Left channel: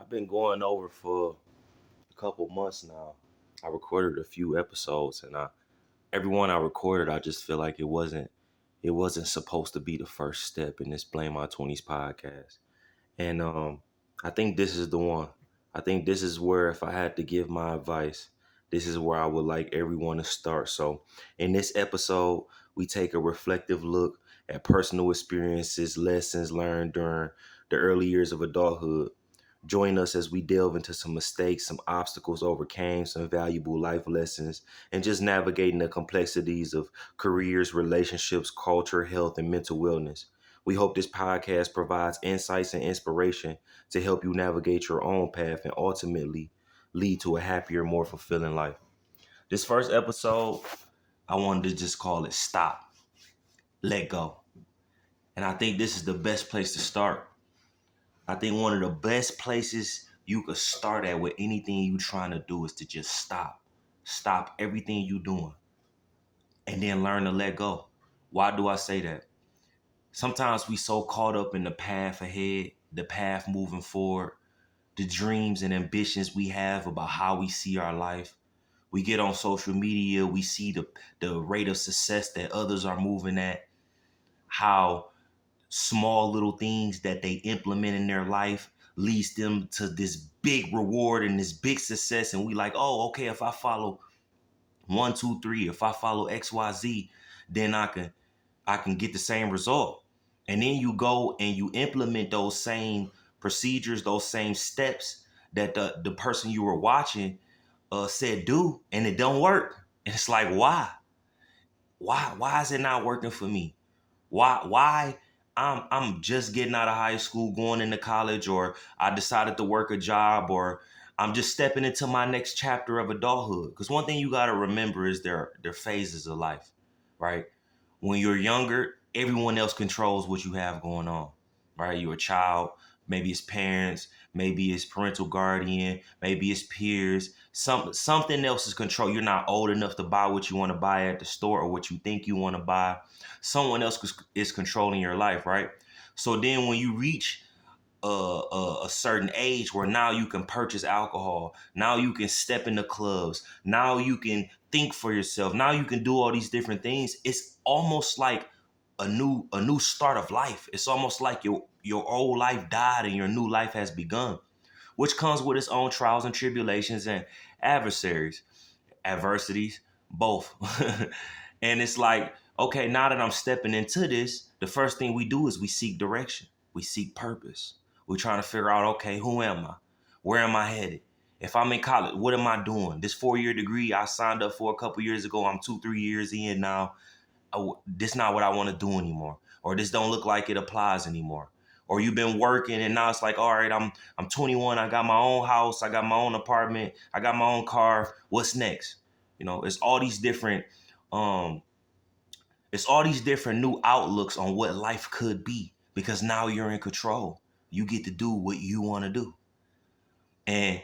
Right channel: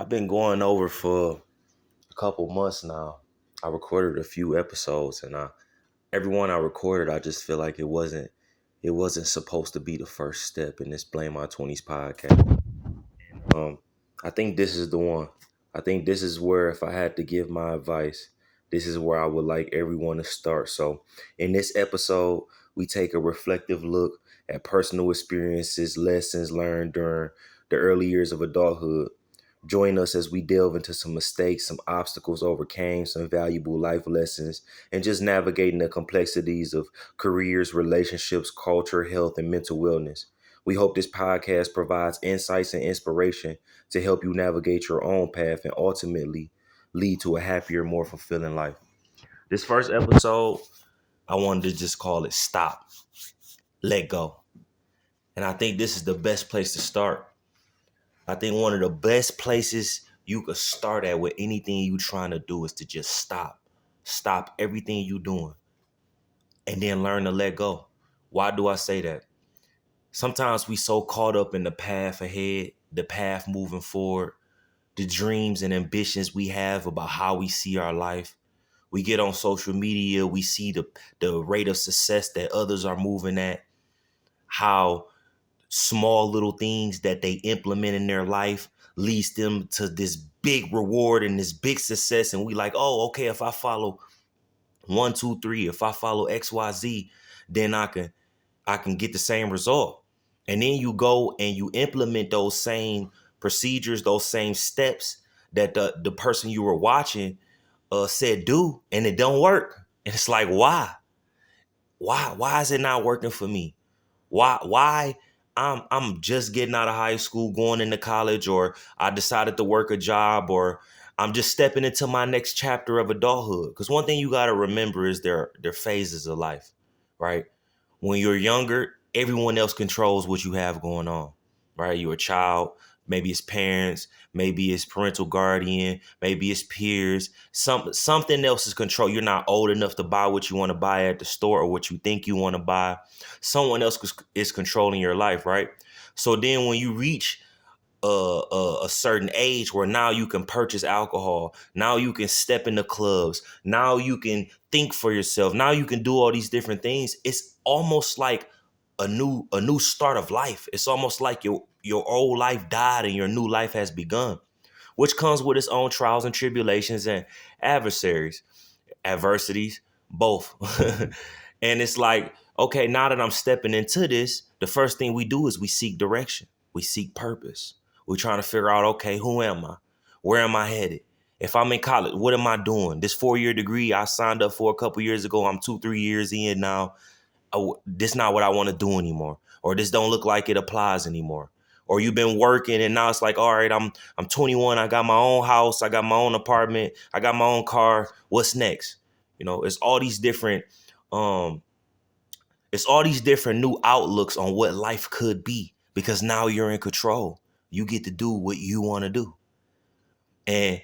I've been going over for a couple months now. I recorded a few episodes, and every one I recorded, I just feel like it wasn't supposed to be the first step in this Blame My 20's podcast. And I think this is the one. I think this is where, if I had to give my advice, this is where I would like everyone to start. So in this episode, we take a reflective look at personal experiences, lessons learned during the early years of adulthood. Join us as we delve into some mistakes, some obstacles overcame, some valuable life lessons, and just navigating the complexities of careers, relationships, culture, health, and mental wellness. We hope this podcast provides insights and inspiration to help you navigate your own path and ultimately lead to a happier, more fulfilling life. This first episode, I wanted to just call it Stop, Let Go. And I think this is the best place to start. I think one of the best places you could start at with anything you trying to do is to just stop. Stop everything you doing and then learn to let go. Why do I say that? Sometimes we so caught up in the path ahead, the path moving forward, the dreams and ambitions we have about how we see our life. We get on social media, we see the rate of success that others are moving at, how small little things that they implement in their life leads them to this big reward and this big success. And we like, oh, okay, if I follow 1, 2, 3, if I follow XYZ, then I can get the same result. And then you go and you implement those same procedures, those same steps that the person you were watching said do, and it don't work. And it's like, why? Why is it not working for me? Why I'm just getting out of high school, going into college, or I decided to work a job, or I'm just stepping into my next chapter of adulthood. Because one thing you gotta remember is their phases of life, right? When you're younger, everyone else controls what you have going on, right? You're a child, maybe it's parents, maybe it's parental guardian, maybe it's peers. Something else is control. You're not old enough to buy what you want to buy at the store or what you think you want to buy. Someone else is controlling your life, right? So then when you reach a certain age where now you can purchase alcohol, now you can step into clubs, now you can think for yourself, now you can do all these different things. It's almost like a new start of life. It's almost like your old life died and your new life has begun, which comes with its own trials and tribulations and adversities, both. And it's like, okay, now that I'm stepping into this, the first thing we do is we seek direction. We seek purpose. We're trying to figure out, okay, who am I? Where am I headed? If I'm in college, what am I doing? This 4-year degree I signed up for a couple years ago, I'm 2, 3 years in now. This not what I want to do anymore. Or this don't look like it applies anymore. Or you've been working and now it's like, all right, I'm 21, I got my own house, I got my own apartment, I got my own car. What's next? It's all these different um new outlooks on what life could be, because now you're in control. You get to do what you want to do. And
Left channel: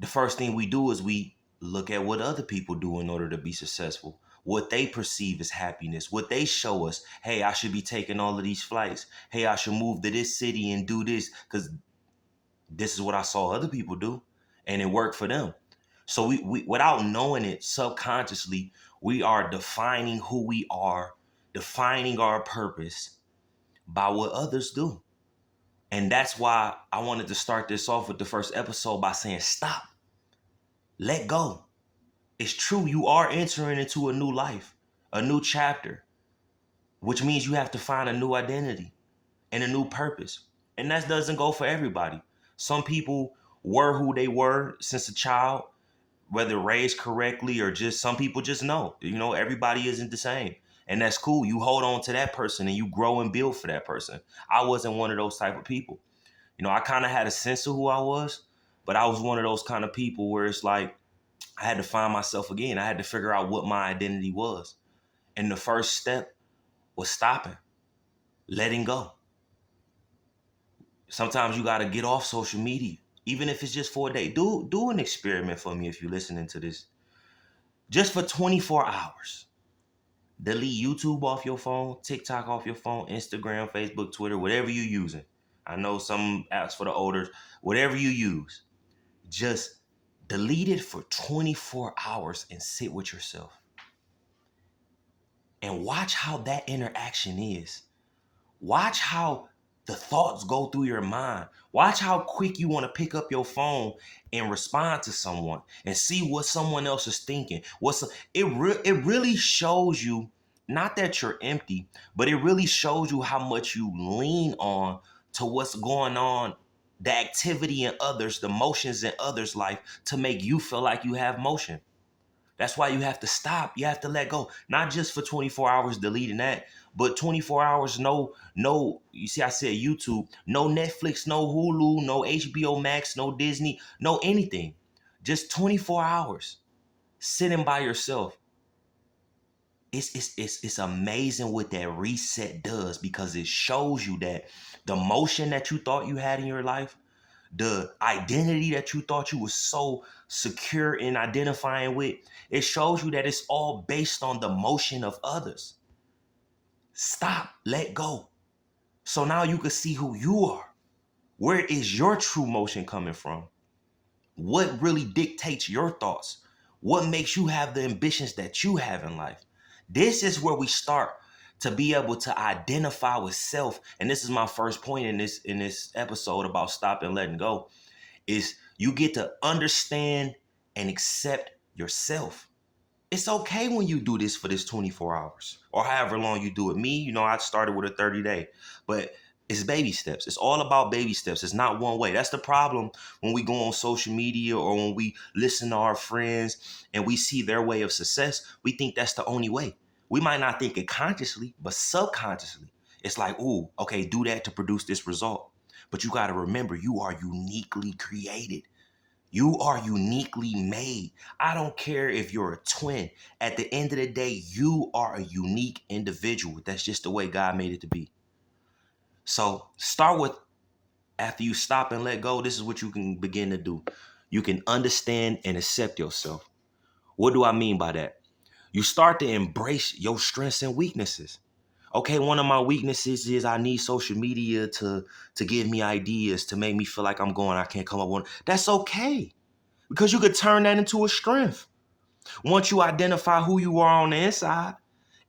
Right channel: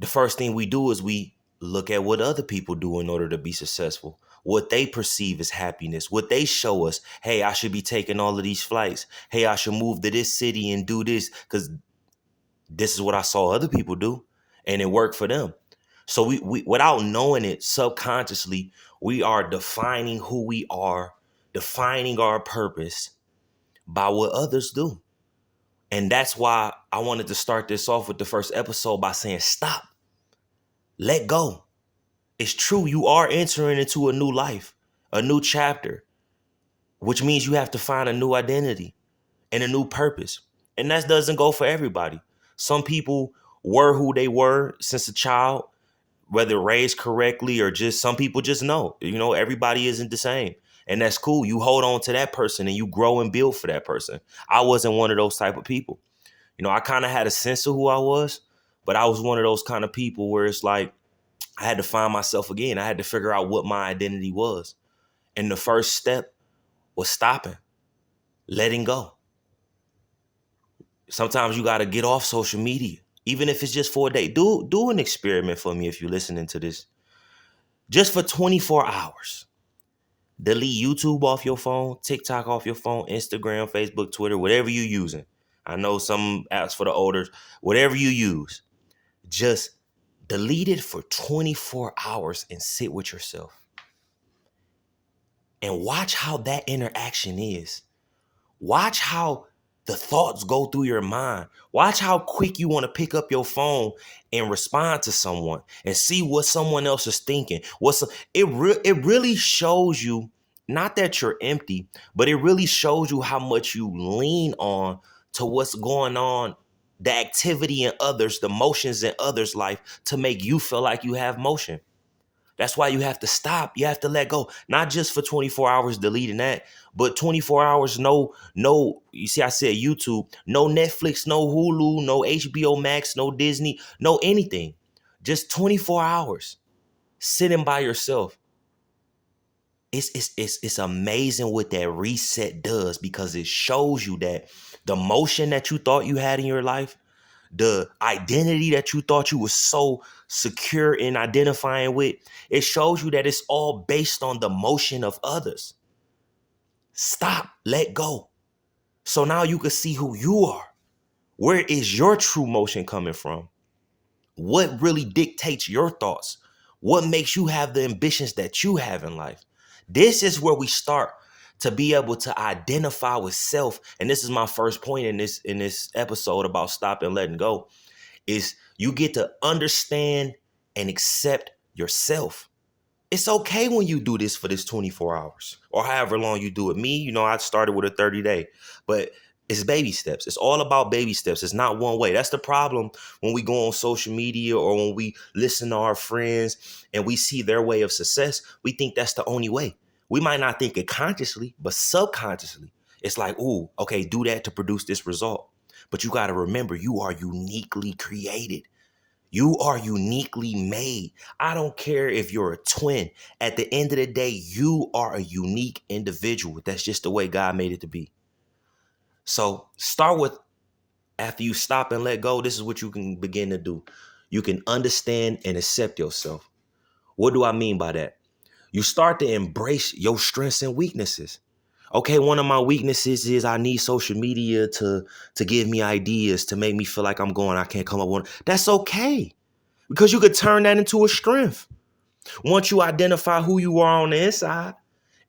the first thing we do is we look at what other people do in order to be successful, what they perceive as happiness, what they show us. Hey, I should be taking all of these flights. Hey, I should move to this city and do this because this is what I saw other people do and it worked for them. So we without knowing it subconsciously, we are defining who we are, defining our purpose by what others do. And that's why I wanted to start this off with the first episode by saying, stop, let go. It's true, you are entering into a new life, a new chapter, which means you have to find a new identity and a new purpose. And that doesn't go for everybody. Some people were who they were since a child, whether raised correctly or just some people just know, everybody isn't the same. And that's cool. You hold on to that person and you grow and build for that person. I wasn't one of those type of people. I kind of had a sense of who I was, but I was one of those kind of people where it's like I had to find myself again. I had to figure out what my identity was. And the first step was stopping, letting go. Sometimes you got to get off social media, even if it's just for a day. Do an experiment for me if you're listening to this. Just for 24 hours. Delete YouTube off your phone, TikTok off your phone, Instagram, Facebook, Twitter, whatever you're using. I know some apps for the older, whatever you use, just delete it for 24 hours and sit with yourself and watch how that interaction is. Watch how the thoughts go through your mind. Watch how quick you want to pick up your phone and respond to someone and see what someone else is thinking. It really shows you not that you're empty, but it really shows you how much you lean on to what's going on, the activity in others, the motions in others' life to make you feel like you have motion. That's why you have to stop. You have to let go. Not just for 24 hours deleting that, but 24 hours, you see, I said YouTube, no Netflix, no Hulu, no HBO Max, no Disney, no anything. Just 24 hours sitting by yourself. It's amazing what that reset does because it shows you that the motion that you thought you had in your life, the identity that you thought you were so secure in identifying with, it shows you that it's all based on the motion of others. Stop, let go. So now you can see who you are. Where is your true motion coming from? What really dictates your thoughts? What makes you have the ambitions that you have in life? This is where we start to be able to identify with self. And this is my first point in this episode about stop and letting go is you get to understand and accept yourself. It's okay when you do this for this 24 hours or however long you do it. Me, I started with a 30-day, but it's baby steps. It's all about baby steps. It's not one way. That's the problem when we go on social media or when we listen to our friends and we see their way of success. We think that's the only way. We might not think it consciously, but subconsciously, it's like, ooh, okay, do that to produce this result. But you got to remember, you are uniquely created. You are uniquely made. I don't care if you're a twin. At the end of the day, you are a unique individual. That's just the way God made it to be. So start with, after you stop and let go, this is what you can begin to do. You can understand and accept yourself. What do I mean by that? You start to embrace your strengths and weaknesses. Okay, one of my weaknesses is I need social media to give me ideas, to make me feel like I'm going, I can't come up with. That's okay. Because you could turn that into a strength. Once you identify who you are on the inside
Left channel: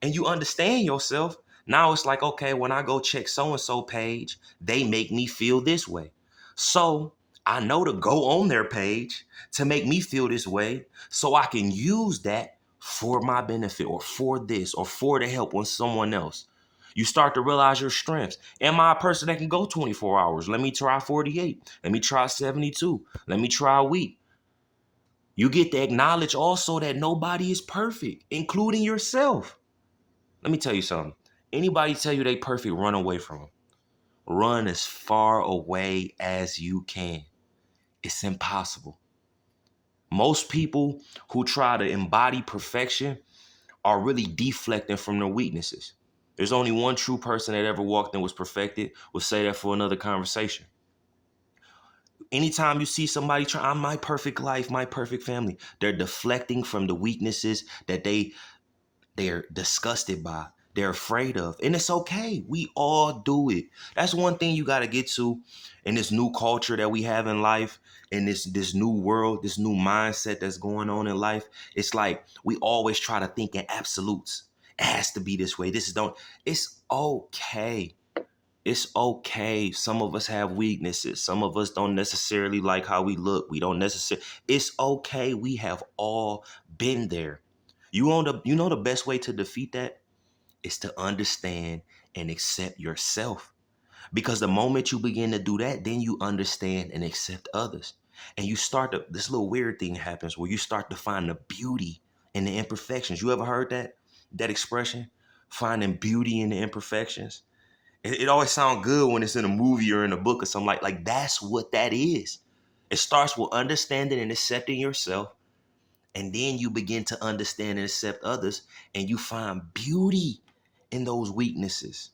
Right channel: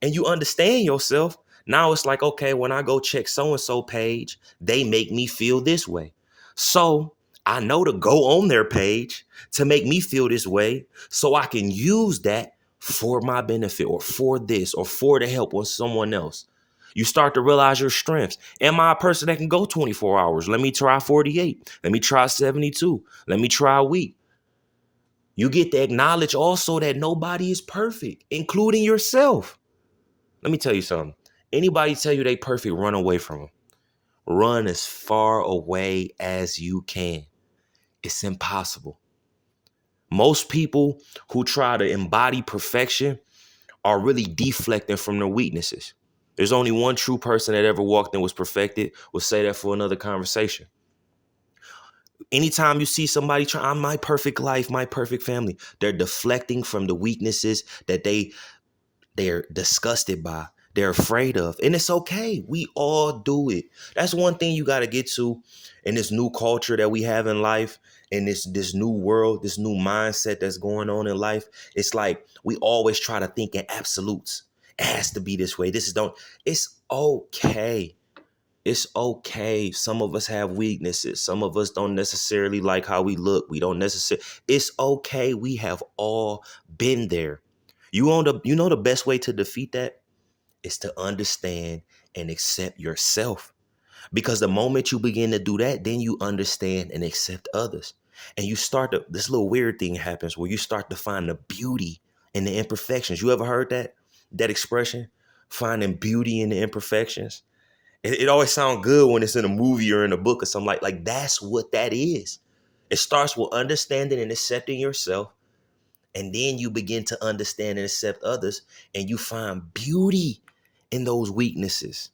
and you understand yourself, now it's like, okay, when I go check so-and-so page, they make me feel this way. So I know to go on their page to make me feel this way so I can use that for my benefit or for this or for the help on someone else. You start to realize your strengths. Am I a person that can go 24 hours? Let me try 48. Let me try 72. Let me try a week. You get to acknowledge also that nobody is perfect, including yourself. Let me tell you something. Anybody tell you they perfect, run away from them. Run as far away as you can. It's impossible. Most people who try to embody perfection are really deflecting from their weaknesses. There's only one true person that ever walked and was perfected. We'll say that for another conversation. Anytime you see somebody try, I'm my perfect life, my perfect family, they're deflecting from the weaknesses that they're disgusted by, they're afraid of. And it's okay. We all do it. That's one thing you got to get to in this new culture that we have in life, in this new world, this new mindset that's going on in life. It's like we always try to think in absolutes. It has to be this way. This is don't. It's okay. It's okay. Some of us have weaknesses. Some of us don't necessarily like how we look. We don't necessarily. It's okay. We have all been there. You know the best way to defeat that is to understand and accept yourself. Because the moment you begin to do that, then you understand and accept others. And you start to, this little weird thing happens where you start to find the beauty in the imperfections. You ever heard that expression? Finding beauty in the imperfections. It always sounds good when it's in a movie or in a book or something like that's what that is. It starts with understanding and accepting yourself, and then you begin to understand and accept others, and you find beauty in those weaknesses,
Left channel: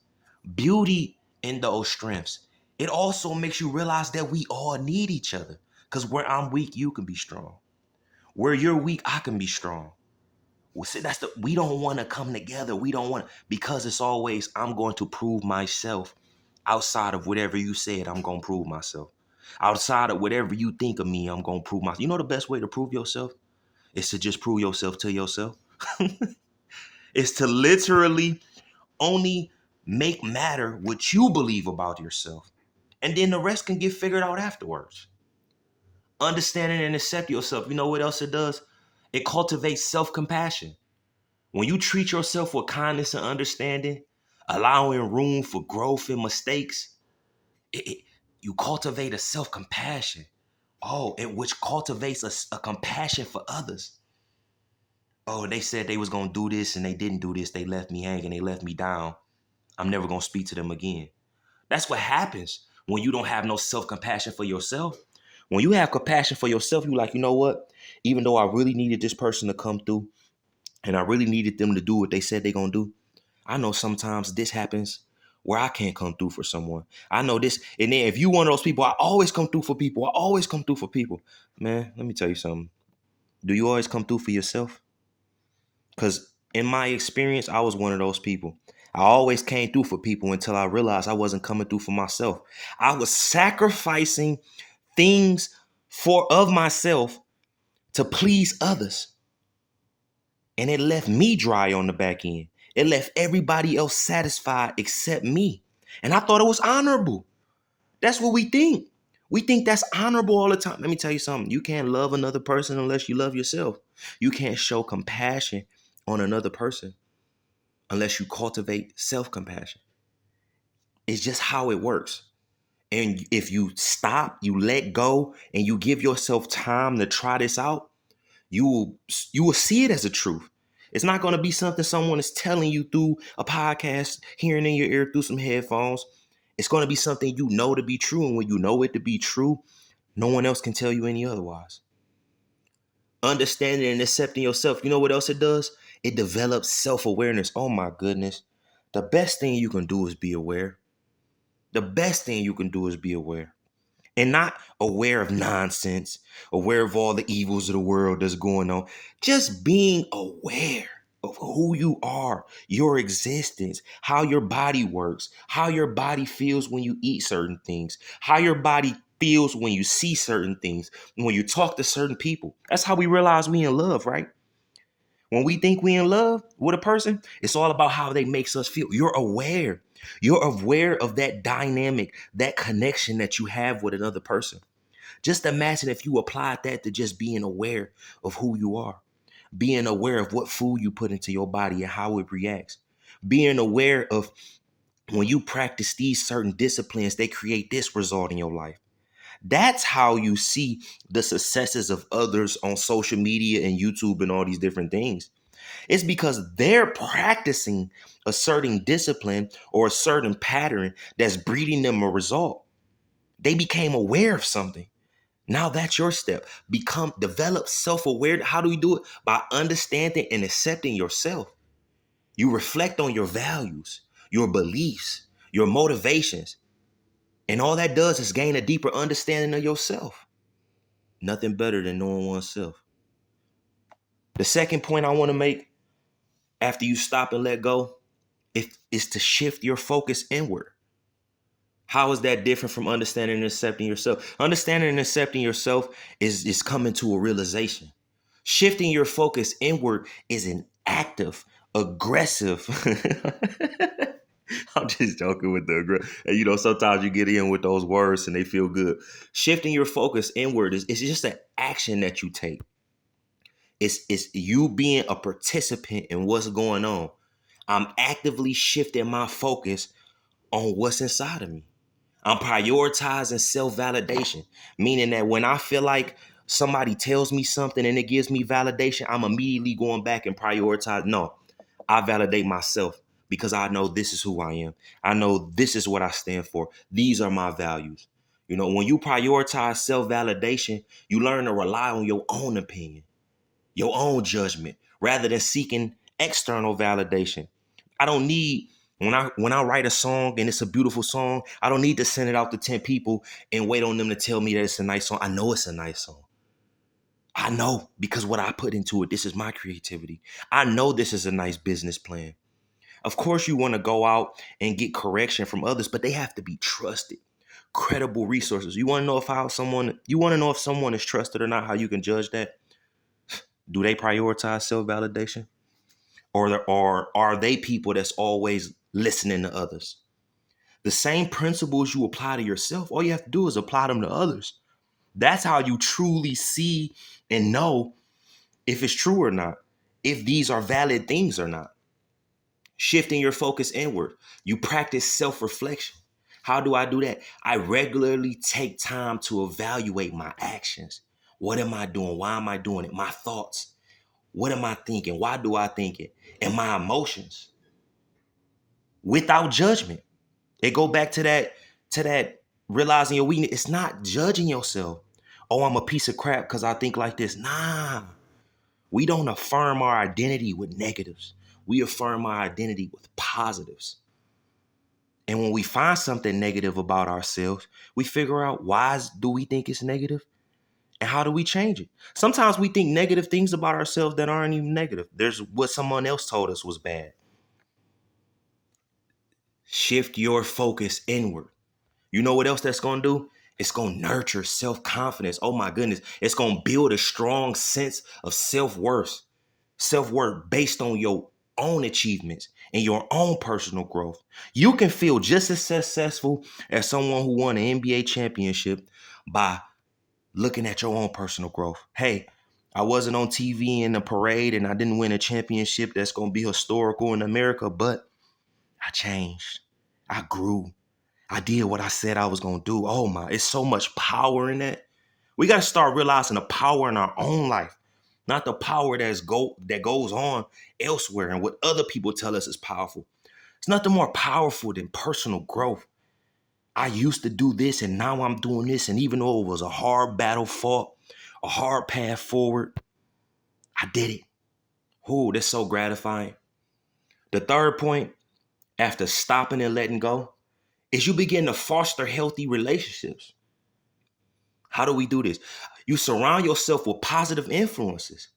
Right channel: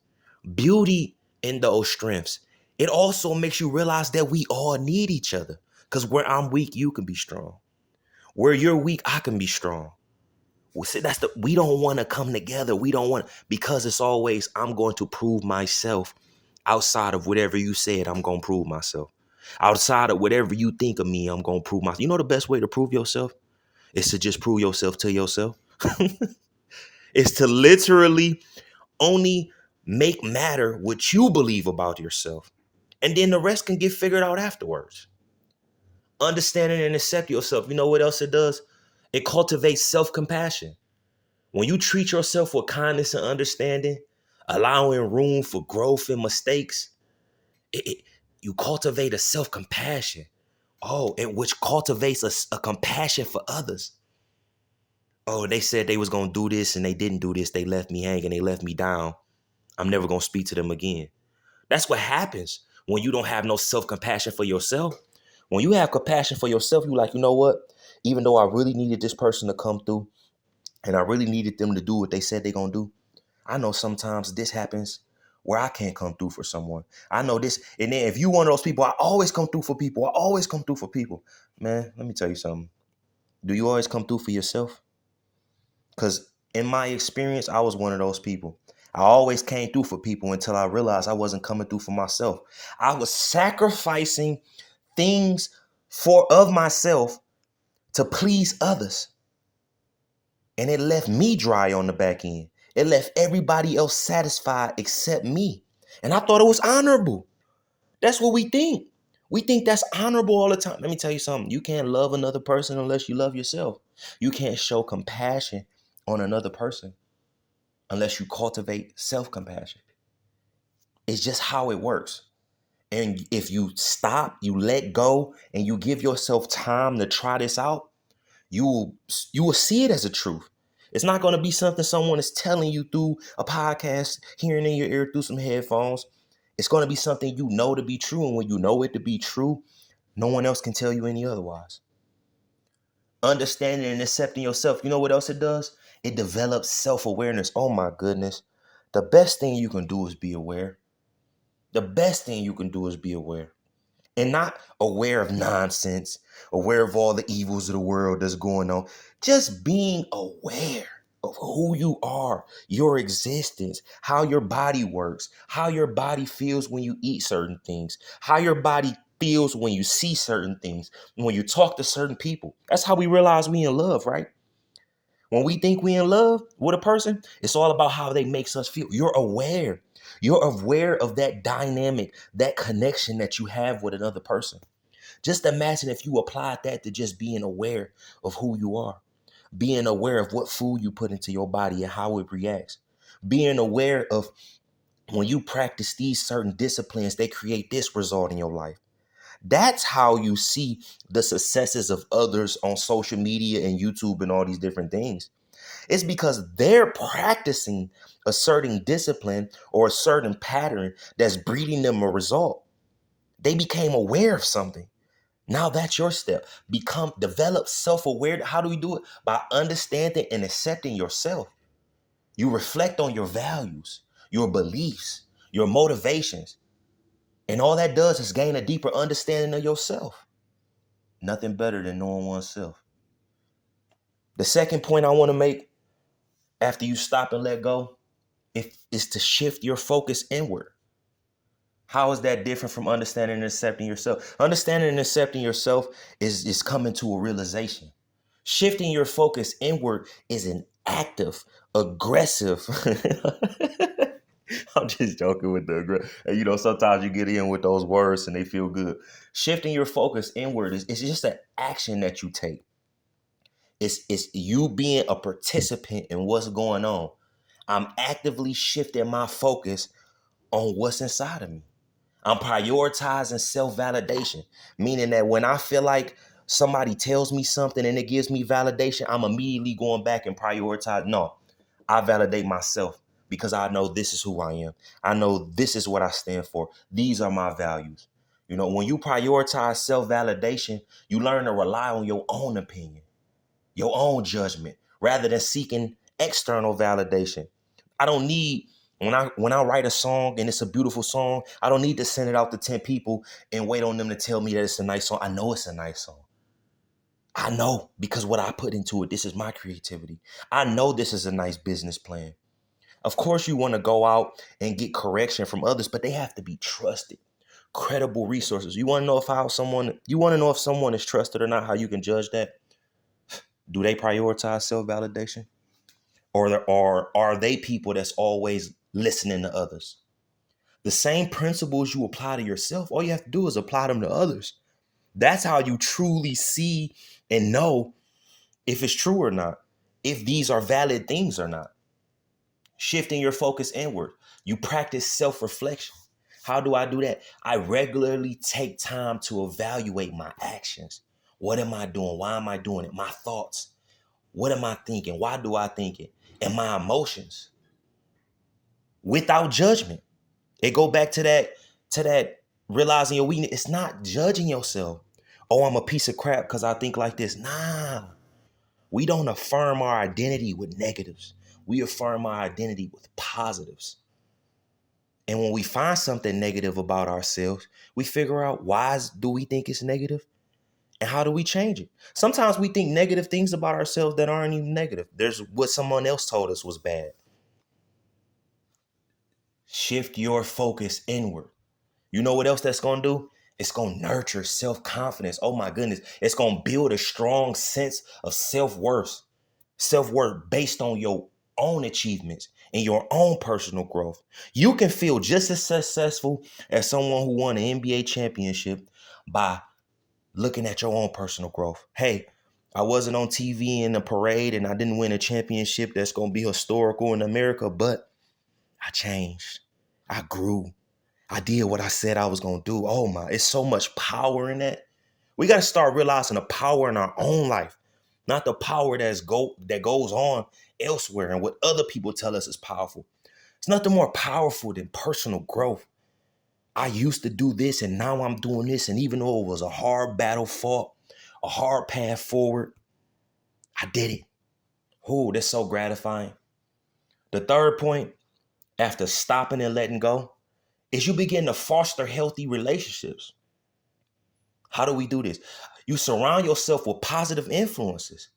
beauty in those strengths. It also makes you realize that we all need each other. Because where I'm weak, you can be strong. Where you're weak, I can be strong. We don't want to come together. We don't want, because it's always, I'm going to prove myself Outside of whatever you said, I'm going to prove myself. Outside of whatever you think of me, I'm going to prove myself. You know the best way to prove yourself is to just prove yourself to yourself. It's to literally only make matter what you believe about yourself. And then the rest can get figured out afterwards. Understanding and accept yourself. You know what else it does? It cultivates self-compassion. When you treat yourself with kindness and understanding, allowing room for growth and mistakes, you cultivate a self-compassion. Oh, and which cultivates a compassion for others. Oh, they said they was gonna do this and they didn't do this. They left me hanging. They left me down. I'm never gonna speak to them again. That's what happens when you don't have no self-compassion for yourself. When you have compassion for yourself, you like, you know what? Even though I really needed this person to come through and I really needed them to do what they said they're gonna do, I know sometimes this happens where I can't come through for someone. I know this. And then if you one of those people, I always come through for people. I always come through for people. Man, let me tell you something. Do you always come through for yourself? Because in my experience, I was one of those people. I always came through for people until I realized I wasn't coming through for myself. I was sacrificing things for of myself to please others. And it left me dry on the back end. It left everybody else satisfied except me. And I thought it was honorable. That's what we think. We think that's honorable all the time. Let me tell you something. You can't love another person unless you love yourself. You can't show compassion on another person unless you cultivate self-compassion. It's just how it works. And if you stop, you let go, and you give yourself time to try this out, you will see it as a truth. It's not going to be something someone is telling you through a podcast, hearing in your ear through some headphones. It's going to be something you know to be true. And when you know it to be true, no one else can tell you any otherwise. Understanding and accepting yourself. You know what else it does? It develops self-awareness. Oh my goodness. The best thing you can do is be aware. The best thing you can do is be aware. And not aware of nonsense, aware of all the evils of the world that's going on. Just being aware of who you are, your existence, how your body works, how your body feels when you eat certain things, how your body feels when you see certain things, when you talk to certain people. That's how we realize we in love, right? When we think we in love with a person, it's all about how they makes us feel. You're aware. You're aware of that dynamic, that connection that you have with another person. Just imagine if you applied that to just being aware of who you are, being aware of what food you put into your body and how it reacts, being aware of when you practice these certain disciplines, they create this result in your life. That's how you see the successes of others on social media and YouTube and all these different things. It's because they're practicing a certain discipline or a certain pattern that's breeding them a result. They became aware of something. Now that's your step. Develop self-awareness. How do we do it? By understanding and accepting yourself. You reflect on your values, your beliefs, your motivations. And all that does is gain a deeper understanding of yourself. Nothing better than knowing oneself. The second point I want to make after you stop and let go is to shift your focus inward. How is that different from understanding and accepting yourself? Understanding and accepting yourself is coming to a realization. Shifting your focus inward is an active, aggressive. I'm just joking with the aggressive. And sometimes you get in with those words and they feel good. Shifting your focus inward is it's just an action that you take. It's you being a participant in what's going on. I'm actively shifting my focus on what's inside of me. I'm prioritizing self-validation, meaning that when I feel like somebody tells me something and it gives me validation, I'm immediately going back and prioritize. No, I validate myself because I know this is who I am. I know this is what I stand for. These are my values. When you prioritize self-validation, you learn to rely on your own opinion, your own judgment, rather than seeking external validation. I don't need when I write a song and it's a beautiful song, I don't need to send it out to 10 people and wait on them to tell me that it's a nice song. I know it's a nice song. I know because what I put into it, this is my creativity. I know this is a nice business plan. Of course, you want to go out and get correction from others, but they have to be trusted, credible resources. You want to know if someone is trusted or not, how you can judge that? Do they prioritize self-validation? Or are they people that's always listening to others? The same principles you apply to yourself, all you have to do is apply them to others. That's how you truly see and know if it's true or not, if these are valid things or not. Shifting your focus inward. You practice self-reflection. How do I do that? I regularly take time to evaluate my actions. What am I doing? Why am I doing it? My thoughts. What am I thinking? Why do I think it? And my emotions. Without judgment. It go back to that realizing your weakness. It's not judging yourself. Oh, I'm a piece of crap because I think like this. Nah. We don't affirm our identity with negatives. We affirm our identity with positives. And when we find something negative about ourselves, we figure out why do we think it's negative and how do we change it? Sometimes we think negative things about ourselves that aren't even negative. There's what someone else told us was bad. Shift your focus inward. You know what else that's going to do? It's going to nurture self-confidence. Oh my goodness. It's going to build a strong sense of self-worth based on your own achievements and your own personal growth. You can feel just as successful as someone who won an NBA championship by looking at your own personal growth. Hey, I wasn't on TV in a parade and I didn't win a championship that's going to be historical in America, but I changed. I grew. I did what I said I was going to do. Oh my, it's so much power in that. We got to start realizing the power in our own life, not the power that goes on elsewhere and what other people tell us is powerful. It's nothing more powerful than personal growth. I used to do this and now I'm doing this. And even though it was a hard battle fought, a hard path forward, I did it. Oh, that's so gratifying. The third point, after stopping and letting go, is you begin to foster healthy relationships. How do we do this? You surround yourself with positive influences,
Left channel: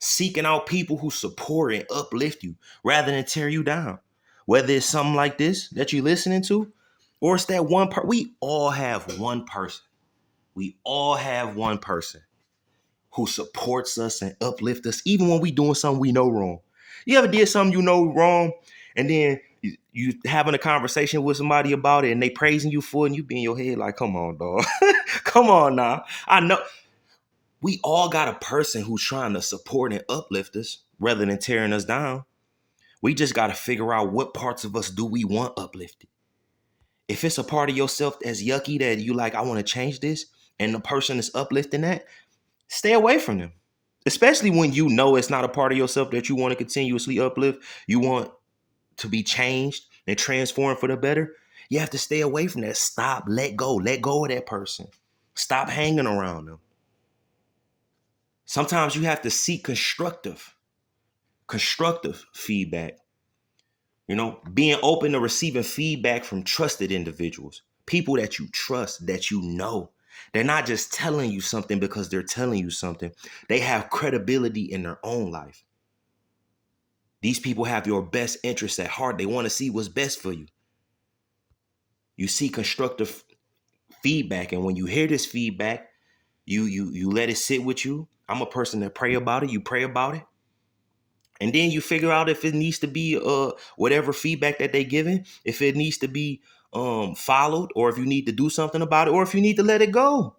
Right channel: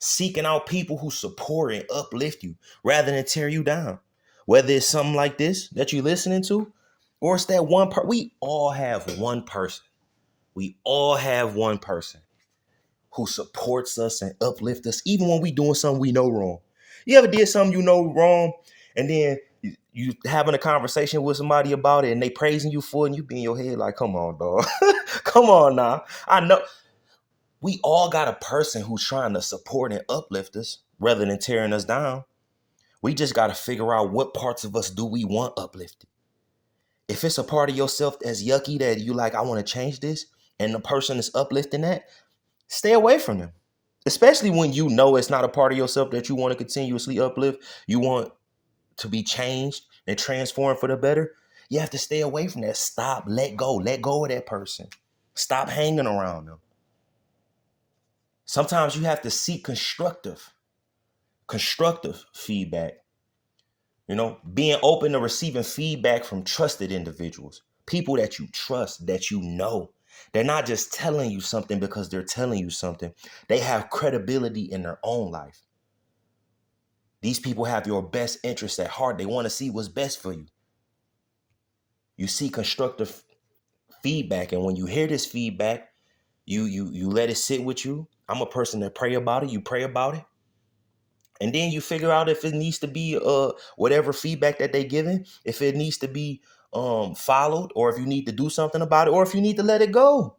seeking out people who support and uplift you rather than tear you down. Whether it's something like this that you're listening to, or it's that one person. We all have one person. We all have one person who supports us and uplifts us, even when we doing something we know wrong. You ever did something you know wrong, and then you having a conversation with somebody about it, and they praising you for it, and you be in your head like, "Come on, dog, come on now." I know we all got a person who's trying to support and uplift us rather than tearing us down. We just got to figure out what parts of us do we want uplifted. If it's a part of yourself that's yucky that you like, I want to change this, and the person is uplifting that, stay away from them. Especially when you know it's not a part of yourself that you want to continuously uplift, you want to be changed and transformed for the better. You have to stay away from that. Stop, let go of that person. Stop hanging around them. Sometimes you have to seek constructive feedback. Being open to receiving feedback from trusted individuals, people that you trust, that you know. They're not just telling you something because they're telling you something. They have credibility in their own life. These people have your best interests at heart. They want to see what's best for you. You see constructive feedback, and when you hear this feedback, you let it sit with you. I'm a person that pray about it. You pray about it. And then you figure out if it needs to be whatever feedback that they giving, if it needs to be followed, or if you need to do something about it, or if you need to let it go.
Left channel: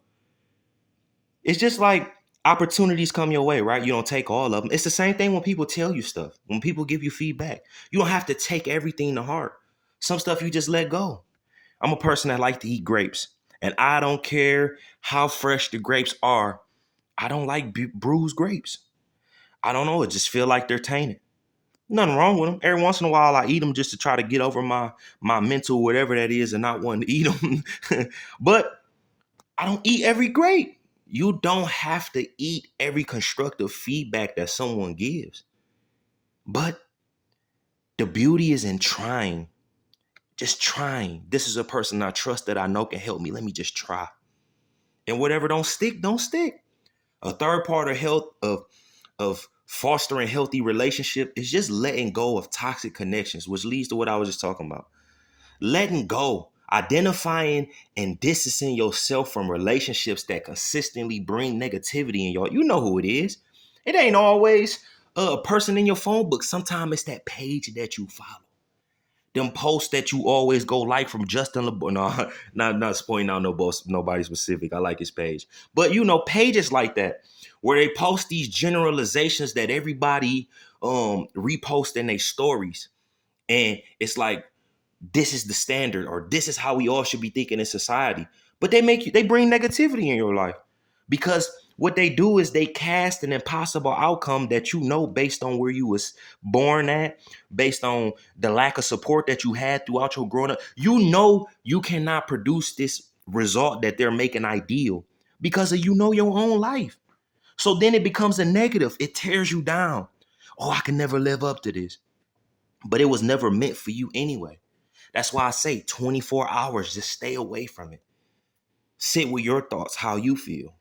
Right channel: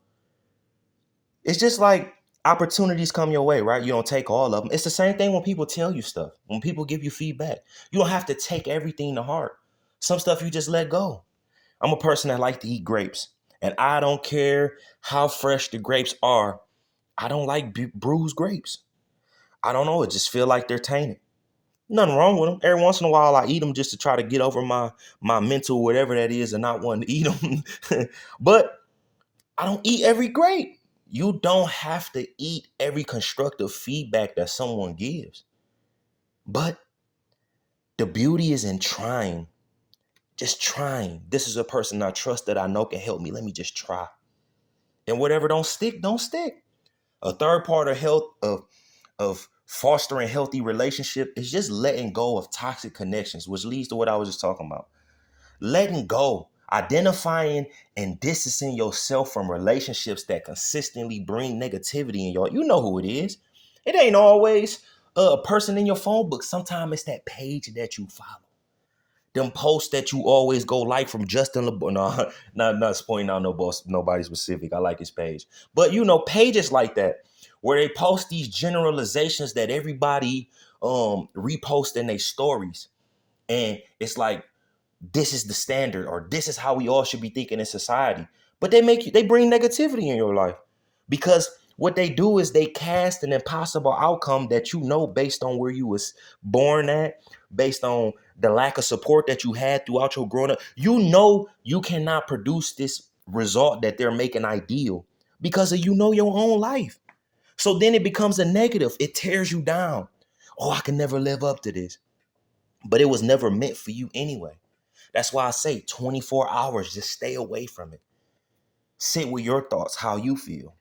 It's just like opportunities come your way, right? You don't take all of them. It's the same thing when people tell you stuff. When people give you feedback, you don't have to take everything to heart. Some stuff you just let go. I'm a person that like to eat grapes, and I don't care how fresh the grapes are. I don't like bruised grapes. I don't know. It just feel like they're tainted. Nothing wrong with them. Every once in a while, I eat them just to try to get over my mental whatever that is and not wanting to eat them. But I don't eat every grape. You don't have to eat every constructive feedback that someone gives. But the beauty is in trying. Just trying. This is a person I trust that I know can help me. Let me just try. And whatever don't stick, don't stick. A third part of health of Fostering healthy relationship is just letting go of toxic connections, which leads to what I was just talking about. Letting go, identifying and distancing yourself from relationships that consistently bring negativity in y'all. You know who it is. It ain't always a person in your phone book. Sometimes it's that page that you follow. Them posts that you always go like from Justin LeBoy. No, not pointing out nobody specific. I like his page. But pages like that where they post these generalizations that everybody repost in their stories. And it's like, this is the standard, or this is how we all should be thinking in society. But they bring negativity in your life, because what they do is they cast an impossible outcome that based on where you was born at, based on the lack of support that you had throughout your growing up. You cannot produce this result that they're making ideal because of your own life. So then it becomes a negative. It tears you down. Oh, I can never live up to this. But it was never meant for you anyway. That's why I say 24 hours, just stay away from it. Sit with your thoughts, how you feel.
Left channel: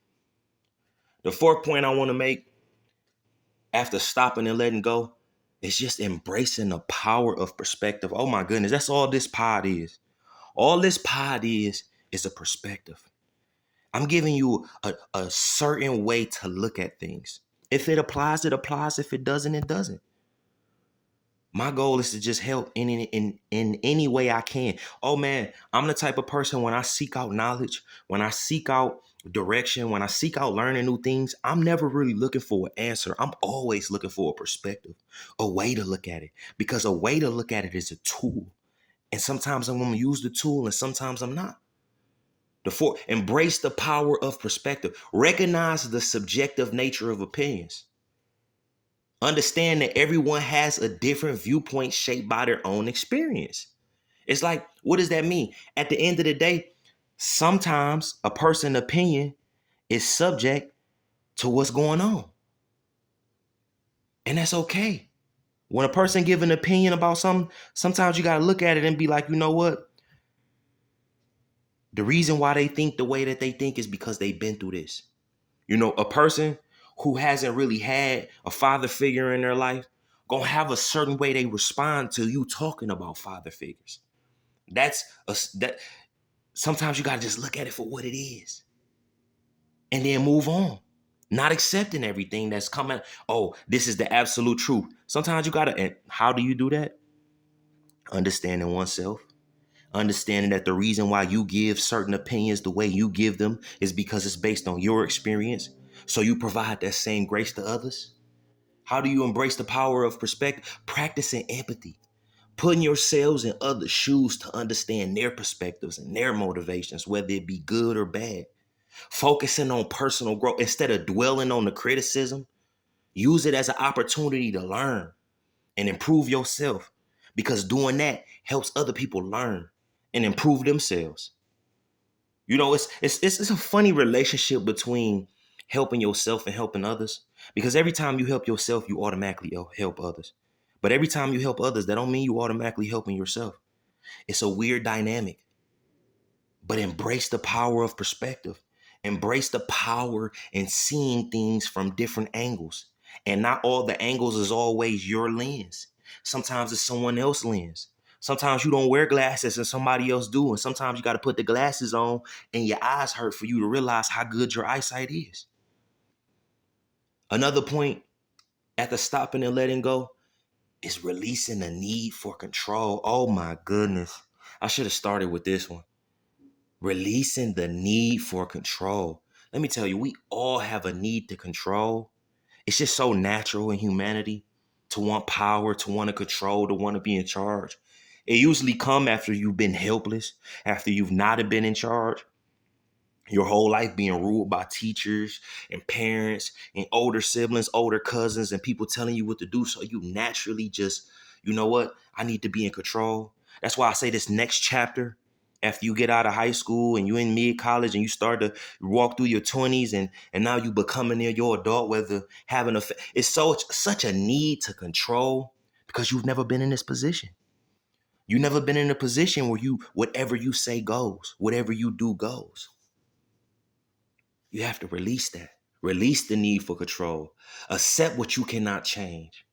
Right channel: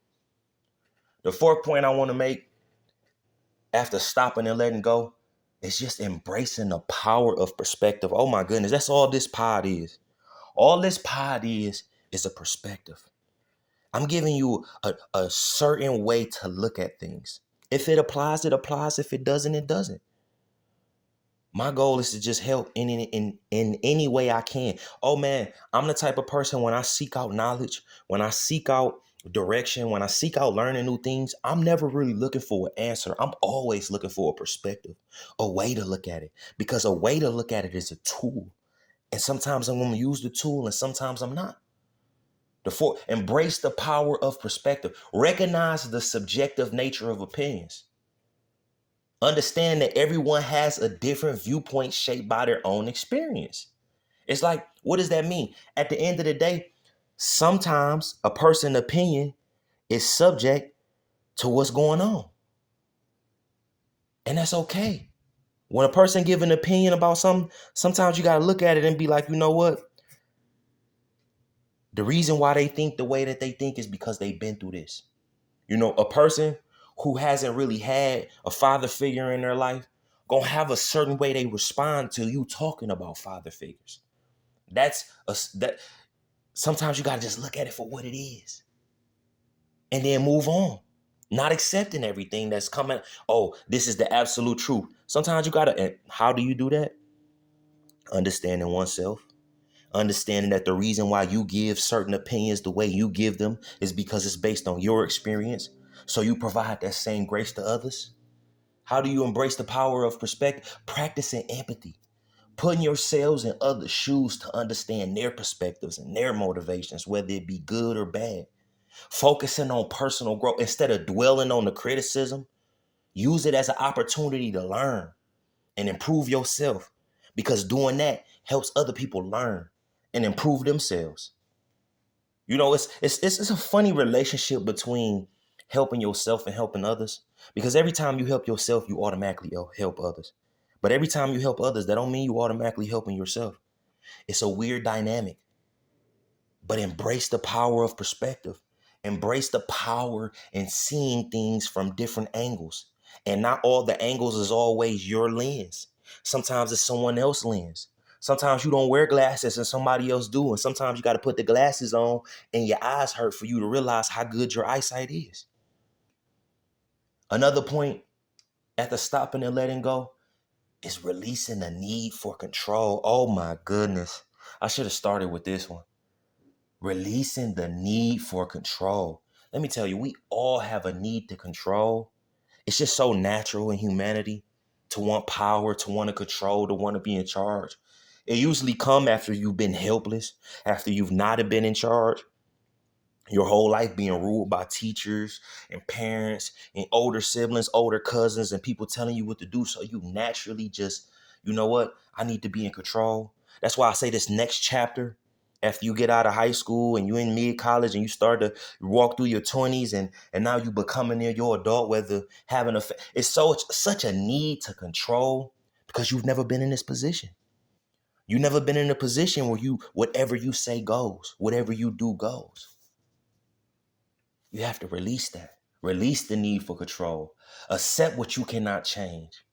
The fourth point I want to make after stopping and letting go is just embracing the power of perspective. Oh my goodness, that's all this pod is. All this pod is a perspective. I'm giving you a certain way to look at things. If it applies, it applies. If it doesn't, it doesn't. My goal is to just help in any way I can. Oh man, I'm the type of person, when I seek out knowledge, when I seek out direction, when I seek out learning new things, I'm never really looking for an answer. I'm always looking for a perspective, a way to look at it. Because a way to look at it is a tool. And sometimes I'm going to use the tool and sometimes I'm not. Embrace the power of perspective. Recognize the subjective nature of opinions. Understand that everyone has a different viewpoint shaped by their own experience. It's like, what does that mean? At the end of the day, sometimes a person's opinion is subject to what's going on. And that's okay. When a person gives an opinion about something, sometimes you got to look at it and be like, you know what? The reason why they think the way that they think is because they've been through this. A person who hasn't really had a father figure in their life gonna have a certain way they respond to you talking about father figures. That sometimes you gotta just look at it for what it is and then move on. Not accepting everything that's coming. Oh, this is the absolute truth. Sometimes you gotta, and how do you do that? Understanding oneself. Understanding that the reason why you give certain opinions the way you give them is because it's based on your experience. So you provide that same grace to others. How do you embrace the power of perspective? Practicing empathy, putting yourselves in other shoes to understand their perspectives and their motivations, whether it be good or bad. Focusing on personal growth instead of dwelling on the criticism. Use it as an opportunity to learn and improve yourself, because doing that helps other people learn and improve themselves. It's a funny relationship between helping yourself and helping others, because every time you help yourself, you automatically help others. But every time you help others, that don't mean you automatically helping yourself. It's a weird dynamic. But embrace the power of perspective. Embrace the power in seeing things from different angles. And not all the angles is always your lens. Sometimes it's someone else's lens. Sometimes you don't wear glasses and somebody else do. And sometimes you got to put the glasses on and your eyes hurt for you to realize how good your eyesight is. Another point after stopping and letting go is releasing the need for control. Oh my goodness. I should have started with this one. Releasing the need for control. Let me tell you, we all have a need to control. It's just so natural in humanity to want power, to want to control, to want to be in charge. It usually comes after you've been helpless, after you've not been in charge. Your whole life being ruled by teachers and parents and older siblings, older cousins, and people telling you what to do. So you naturally just, you know what? I need to be in control. That's why I say this next chapter, after you get out of high school and you in mid college and you start to walk through your 20s, and now you becoming near your adult, whether having it's such a need to control, because you've never been in this position. You've never been in a position where whatever you say goes, whatever you do goes. You have to release that. Release the need for control. Accept what you cannot change.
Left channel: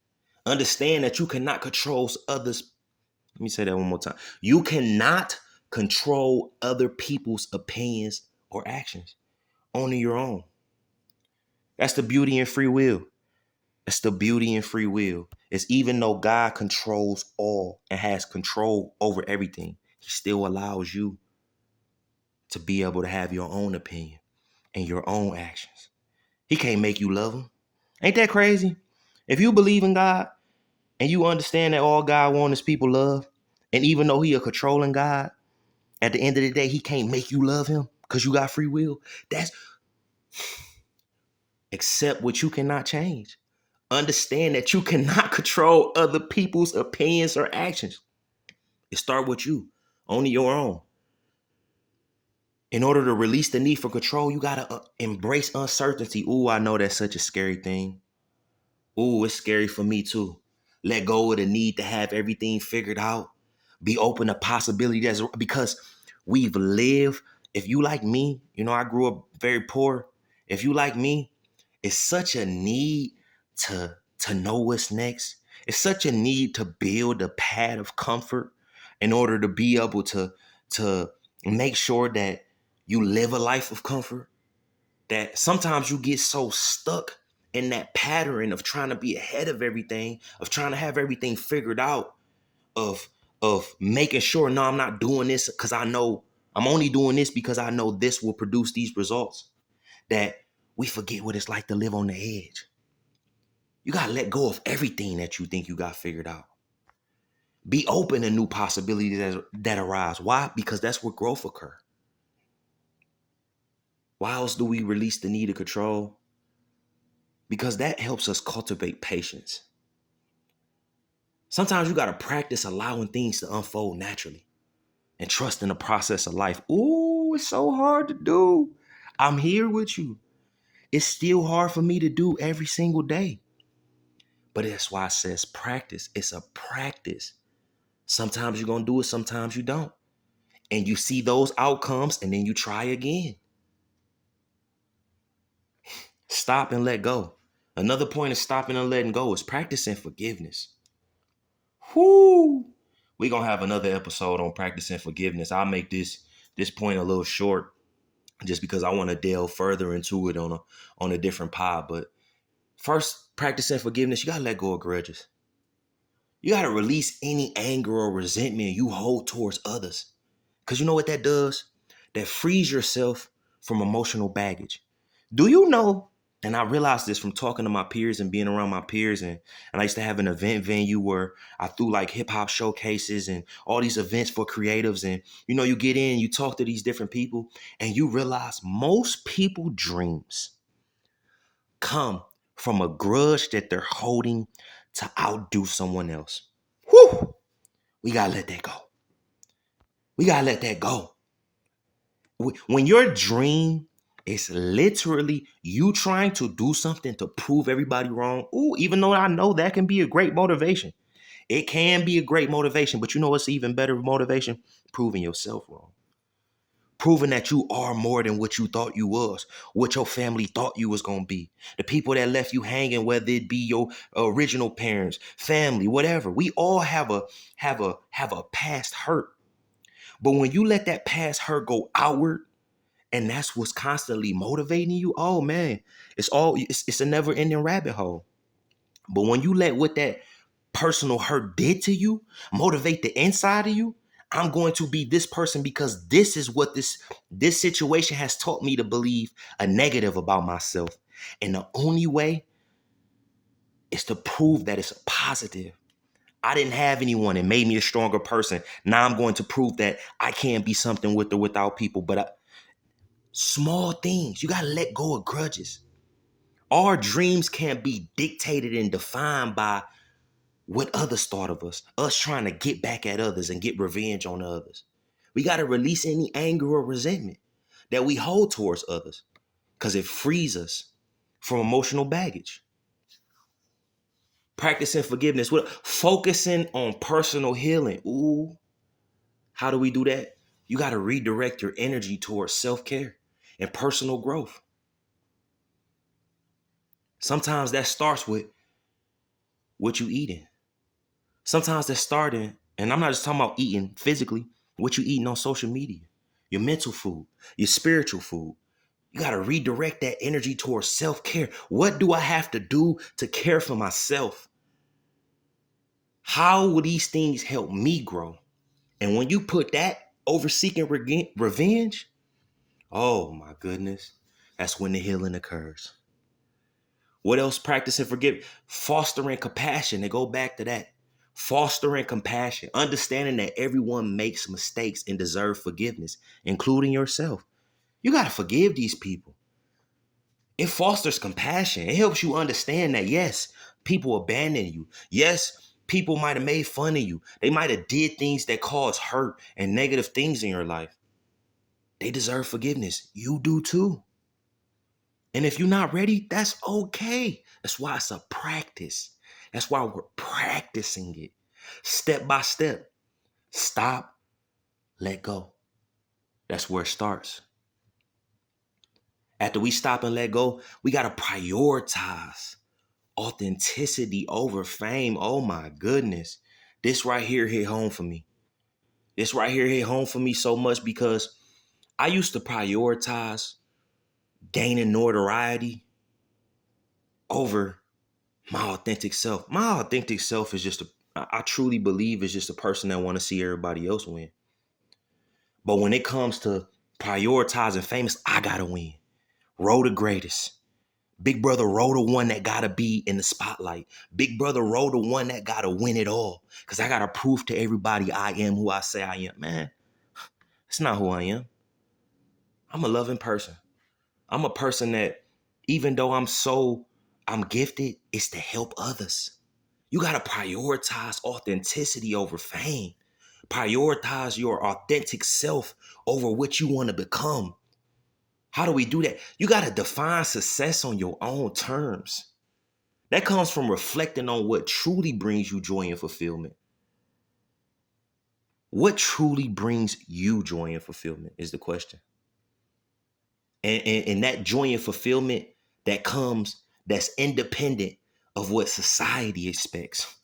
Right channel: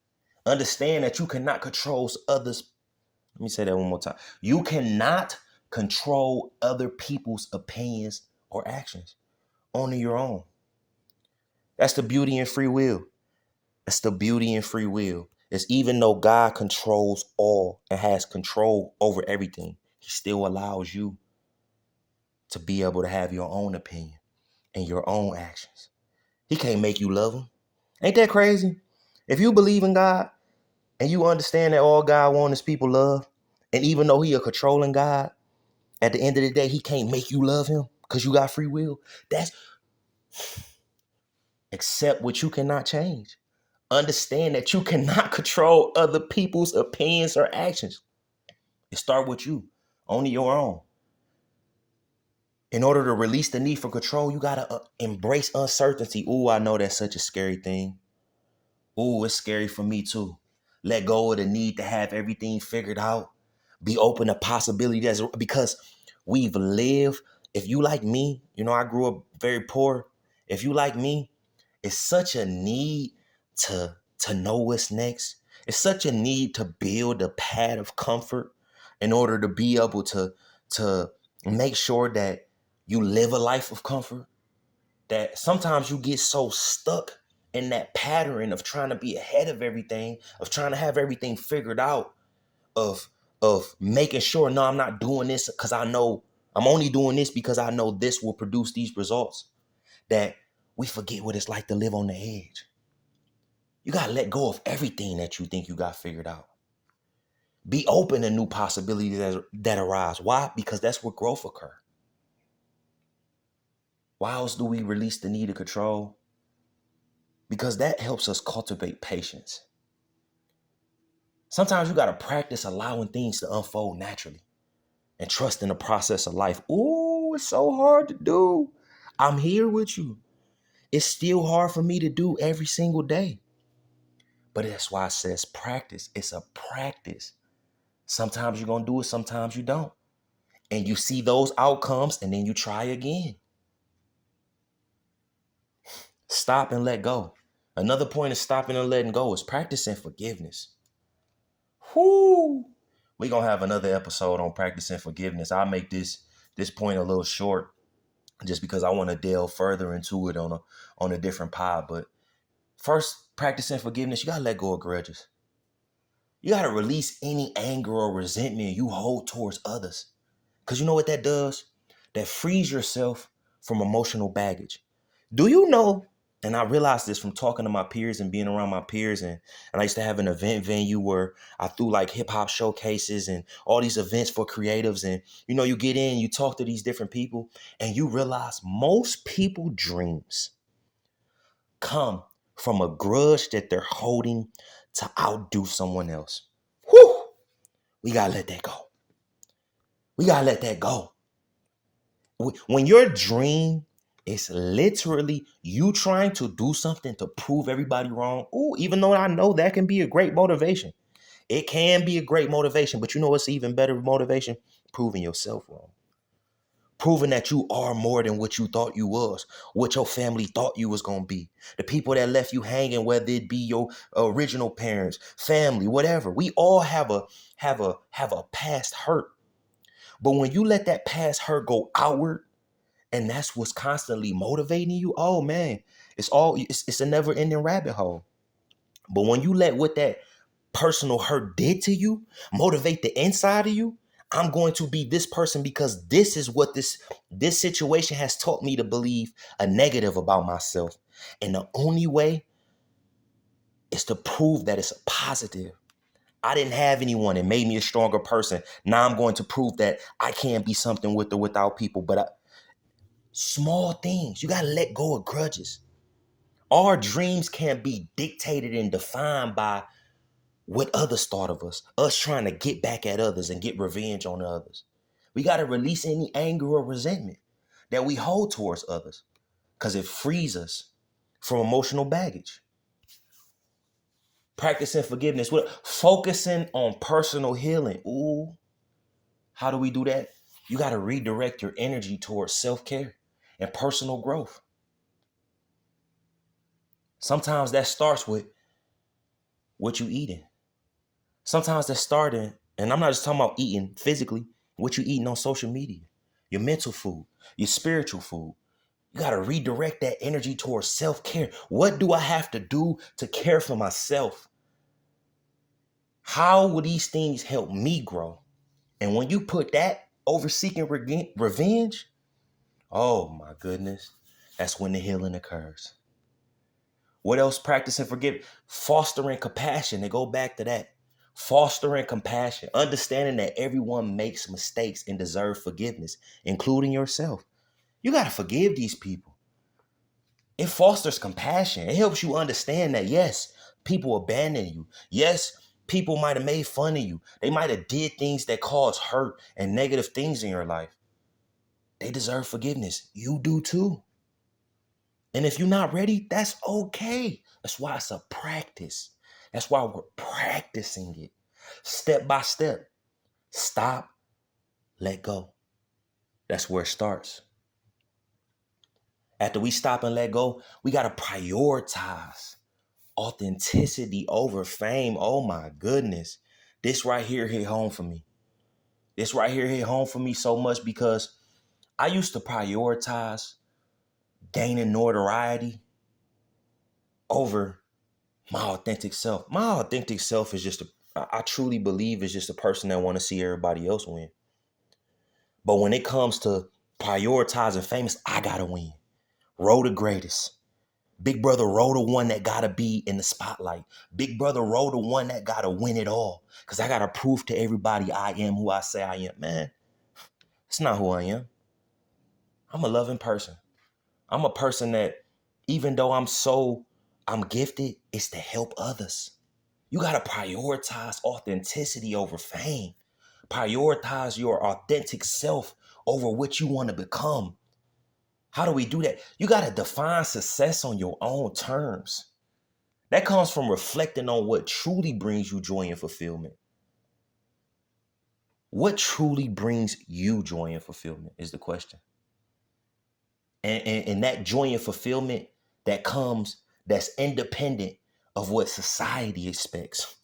Understand that you cannot control others. Let me say that one more time. You cannot control other people's opinions or actions. Only your own. That's the beauty in free will. That's the beauty in free will. It's even though God controls all and has control over everything, he still allows you to be able to have your own opinion and your own actions. He can't make you love him. Ain't that crazy? If you believe in God and you understand that all God wants is people love, and even though he a controlling God, at the end of the day, he can't make you love him because you got free will. That's accept what you cannot change. Understand that you cannot control other people's opinions or actions. It start with you, only your own. In order to release the need for control, you gotta embrace uncertainty. Ooh, I know that's such a scary thing. Ooh, it's scary for me too. Let go of the need to have everything figured out. Be open to possibility. That's because we've lived. If you like me, I grew up very poor. If you like me, it's such a need to know what's next. It's such a need to build a pad of comfort in order to be able to make sure that you live a life of comfort. That sometimes you get so stuck in that pattern of trying to be ahead of everything, of trying to have everything figured out, of making sure, no, I'm not doing this because I know I'm only doing this because I know this will produce these results, that we forget what it's like to live on the edge. You got to let go of everything that you think you got figured out. Be open to new possibilities that arise. Why? Because that's where growth occurs. Why else do we release the need of control? Because that helps us cultivate patience. Sometimes you got to practice allowing things to unfold naturally and trust in the process of life. Ooh, it's so hard to do. I'm here with you. It's still hard for me to do every single day. But that's why it says practice. It's a practice. Sometimes you're going to do it, sometimes you don't. And you see those outcomes and then you try again. Stop and let go. Another point of stopping and letting go is practicing forgiveness. Whoo! We're going to have another episode on practicing forgiveness. I'll make this point a little short just because I want to delve further into it on a different pod. But first, practicing forgiveness, you got to let go of grudges. You got to release any anger or resentment you hold towards others. Because you know what that does? That frees yourself from emotional baggage. Do you know, and I realized this from talking to my peers and being around my peers, and I used to have an event venue where I threw like hip hop showcases and all these events for creatives. And you get in, you talk to these different people, and you realize most people dreams come from a grudge that they're holding to outdo someone else. Whew! We gotta let that go. We gotta let that go. When your dream is literally you trying to do something to prove everybody wrong, ooh, even though I know that can be a great motivation. It can be a great motivation, but you know what's even better motivation? Proving yourself wrong. Proving that you are more than what you thought you was, what your family thought you was gonna be. The people that left you hanging, whether it be your original parents, family, whatever. We all have a past hurt. But when you let that past hurt go outward, and that's what's constantly motivating you, oh man, it's a never-ending rabbit hole. But when you let what that personal hurt did to you motivate the inside of you, I'm going to be this person because this is what this situation has taught me to believe a negative about myself. And the only way is to prove that it's a positive. I didn't have anyone. It made me a stronger person. Now I'm going to prove that I can be something with or without people. But small things, you got to let go of grudges. Our dreams can't be dictated and defined by what others thought of us trying to get back at others and get revenge on others. We got to release any anger or resentment that we hold towards others because it frees us from emotional baggage. Practicing forgiveness, focusing on personal healing. Ooh, how do we do that? You got to redirect your energy towards self-care and personal growth. Sometimes that starts with what you eating. Sometimes that's starting, and I'm not just talking about eating physically, what you eating on social media, your mental food, your spiritual food. You got to redirect that energy towards self-care. What do I have to do to care for myself? How will these things help me grow? And when you put that over seeking revenge, oh my goodness, that's when the healing occurs. What else? Practicing forgive, fostering compassion. They go back to that. Fostering compassion, understanding that everyone makes mistakes and deserve forgiveness, including yourself. You got to forgive these people. It fosters compassion. It helps you understand that, yes, people abandon you. Yes, people might have made fun of you. They might have did things that cause hurt and negative things in your life. They deserve forgiveness. You do too. And if you're not ready, that's okay. That's why it's a practice. That's why we're practicing it step by step. Stop, let go. That's where it starts. After we stop and let go, we got to prioritize authenticity over fame. Oh my goodness. This right here hit home for me. This right here hit home for me so much because I used to prioritize gaining notoriety over my authentic self. My authentic self is just I truly believe is just a person that want to see everybody else win. But when it comes to prioritizing famous, I gotta win. Roll the greatest. Big brother roll the one that gotta be in the spotlight. Big brother roll the one that gotta win it all. Cause I gotta prove to everybody I am who I say I am. Man, it's not who I am. I'm a loving person. I'm a person that even though I'm gifted, it's to help others. You got to prioritize authenticity over fame. Prioritize your authentic self over what you want to become. How do we do that? You got to define success on your own terms. That comes from reflecting on what truly brings you joy and fulfillment. What truly brings you joy and fulfillment is the question. And that joy and fulfillment that's independent of what society expects.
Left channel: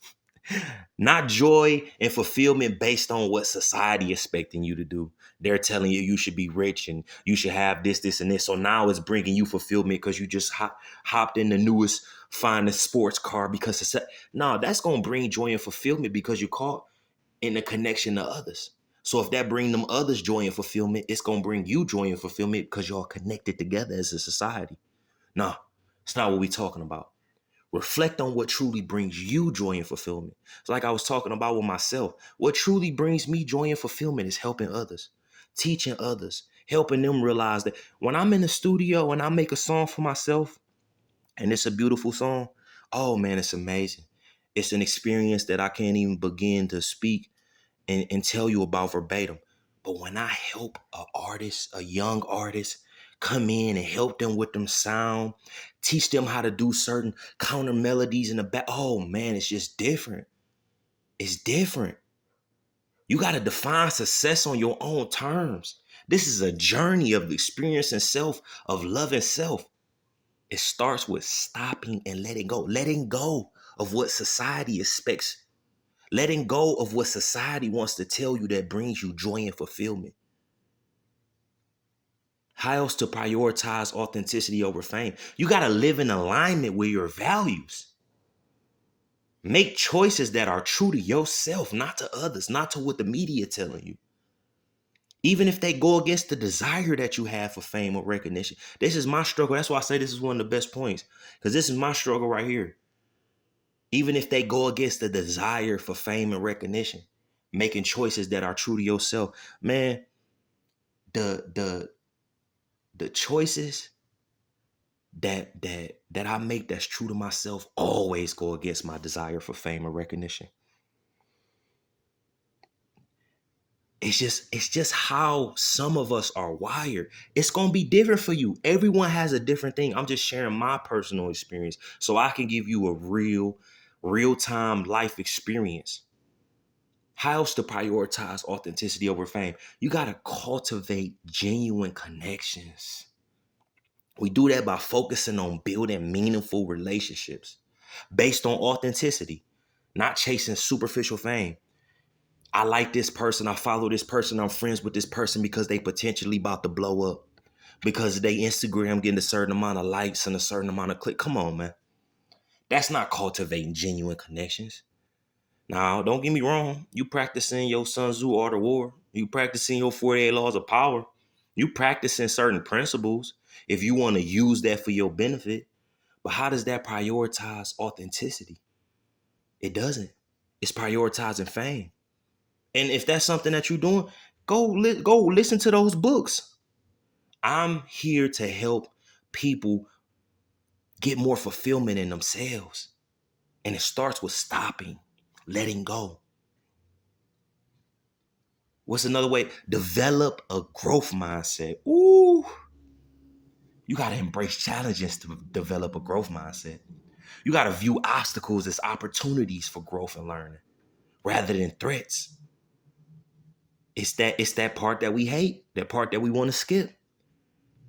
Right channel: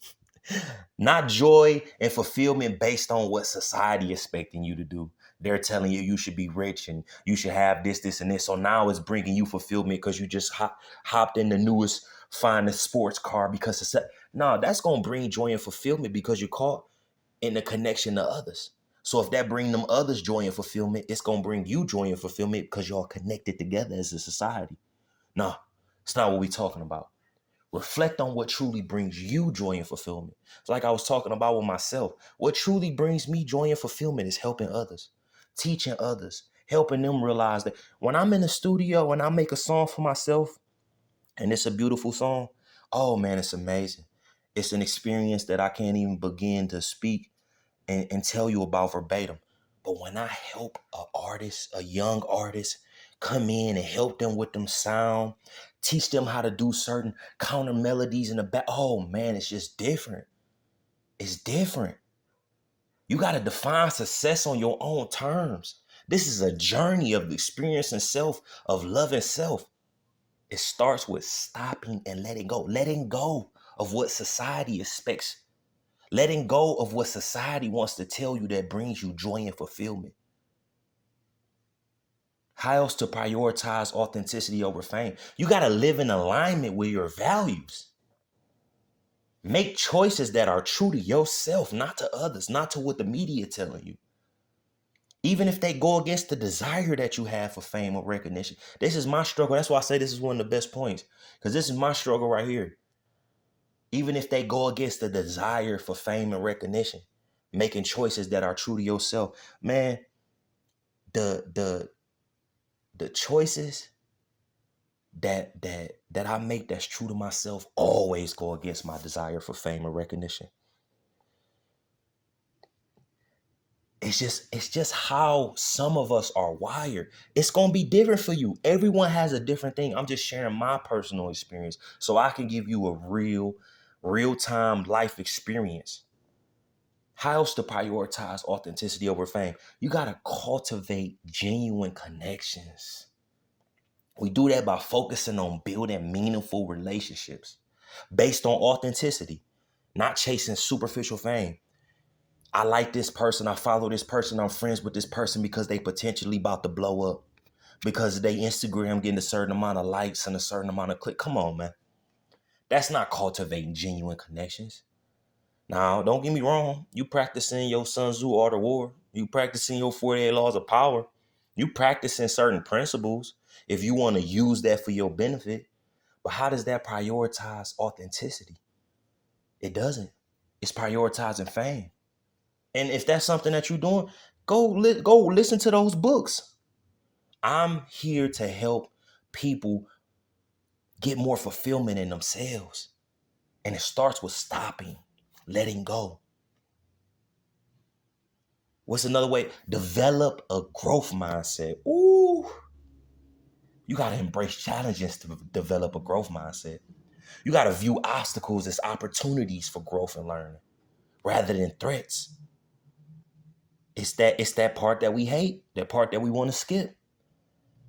Not joy and fulfillment based on what society expecting you to do. They're telling you should be rich and you should have this, this, and this. So now it's bringing you fulfillment because you just hopped in the newest, finest sports car because it's no, that's gonna bring joy and fulfillment because you caught in the connection to others. So if that bring them others joy and fulfillment, it's gonna bring you joy and fulfillment because y'all connected together as a society. No, it's not what we're talking about. Reflect on what truly brings you joy and fulfillment. It's like I was talking about with myself. What truly brings me joy and fulfillment is helping others, teaching others, helping them realize that when I'm in the studio and I make a song for myself and it's a beautiful song, oh man, it's amazing. It's an experience that I can't even begin to speak and tell you about verbatim. But when I help an artist, a young artist, come in and help them with them sound, teach them how to do certain counter melodies in the back. Oh man, it's just different. It's different. You got to define success on your own terms. This is a journey of experiencing self, of loving self. It starts with stopping and letting go of what society expects, letting go of what society wants to tell you that brings you joy and fulfillment. How else to prioritize authenticity over fame? You got to live in alignment with your values. Make choices that are true to yourself, not to others, not to what the media telling you. Even if they go against the desire that you have for fame or recognition. This is my struggle. That's why I say this is one of the best points. Because this is my struggle right here. Even if they go against the desire for fame and recognition, making choices that are true to yourself, man, the choices that I make that's true to myself always go against my desire for fame or recognition. It's just how some of us are wired. It's gonna be different for you. Everyone has a different thing. I'm just sharing my personal experience so I can give you a real-time life experience. How else to prioritize authenticity over fame? You gotta cultivate genuine connections. We do that by focusing on building meaningful relationships based on authenticity, not chasing superficial fame. I like this person, I follow this person, I'm friends with this person because they potentially about to blow up. Because they Instagram getting a certain amount of likes and a certain amount of click. Come on, man. That's not cultivating genuine connections. Now, don't get me wrong. You practicing your Sun Tzu Art of War. You practicing your 48 laws of power. You practicing certain principles if you want to use that for your benefit. But how does that prioritize authenticity? It doesn't. It's prioritizing fame. And if that's something that you're doing, go listen to those books. I'm here to help people get more fulfillment in themselves. And it starts with stopping, letting go. What's another way? Develop a growth mindset. Ooh, you got to embrace challenges to develop a growth mindset. You got to view obstacles as opportunities for growth and learning rather than threats. It's that part that we hate, that part that we want to skip.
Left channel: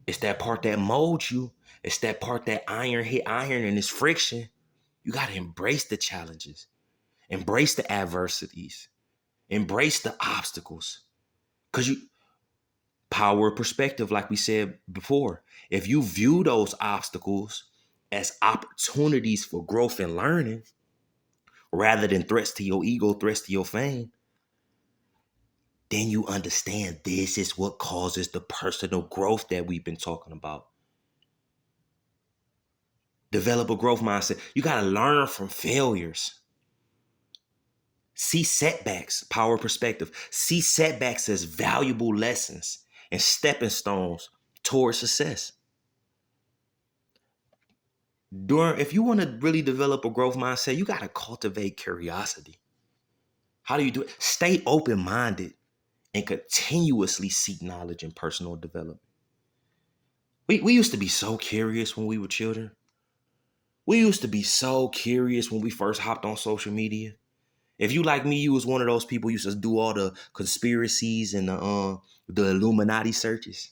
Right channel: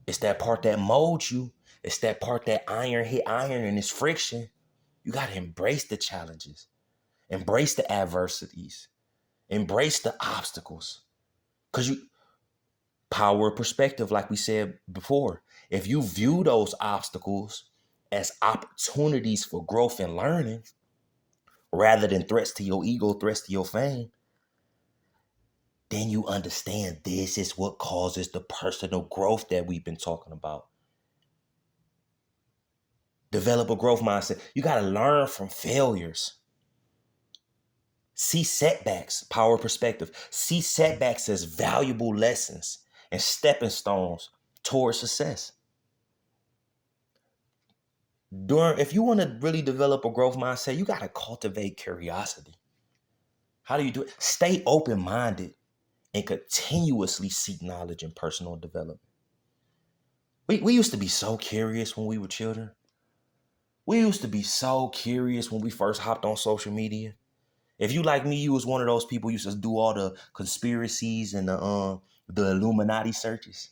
It's that part that molds you. It's that part that iron hit iron and it's friction. You got to embrace the challenges, embrace the adversities, embrace the obstacles. Because you power of perspective, like we said before. If you view those obstacles as opportunities for growth and learning rather than threats to your ego, threats to your fame, then you understand this is what causes the personal growth that we've been talking about. Develop a growth mindset. You got to learn from failures. See setbacks, power of perspective. See setbacks as valuable lessons and stepping stones towards success. If you want to really develop a growth mindset, you got to cultivate curiosity. How do you do it? Stay open-minded and continuously seek knowledge and personal development. We used to be so curious when we were children. We used to be so curious when we first hopped on social media. If you like me, you was one of those people who used to do all the conspiracies and the Illuminati searches.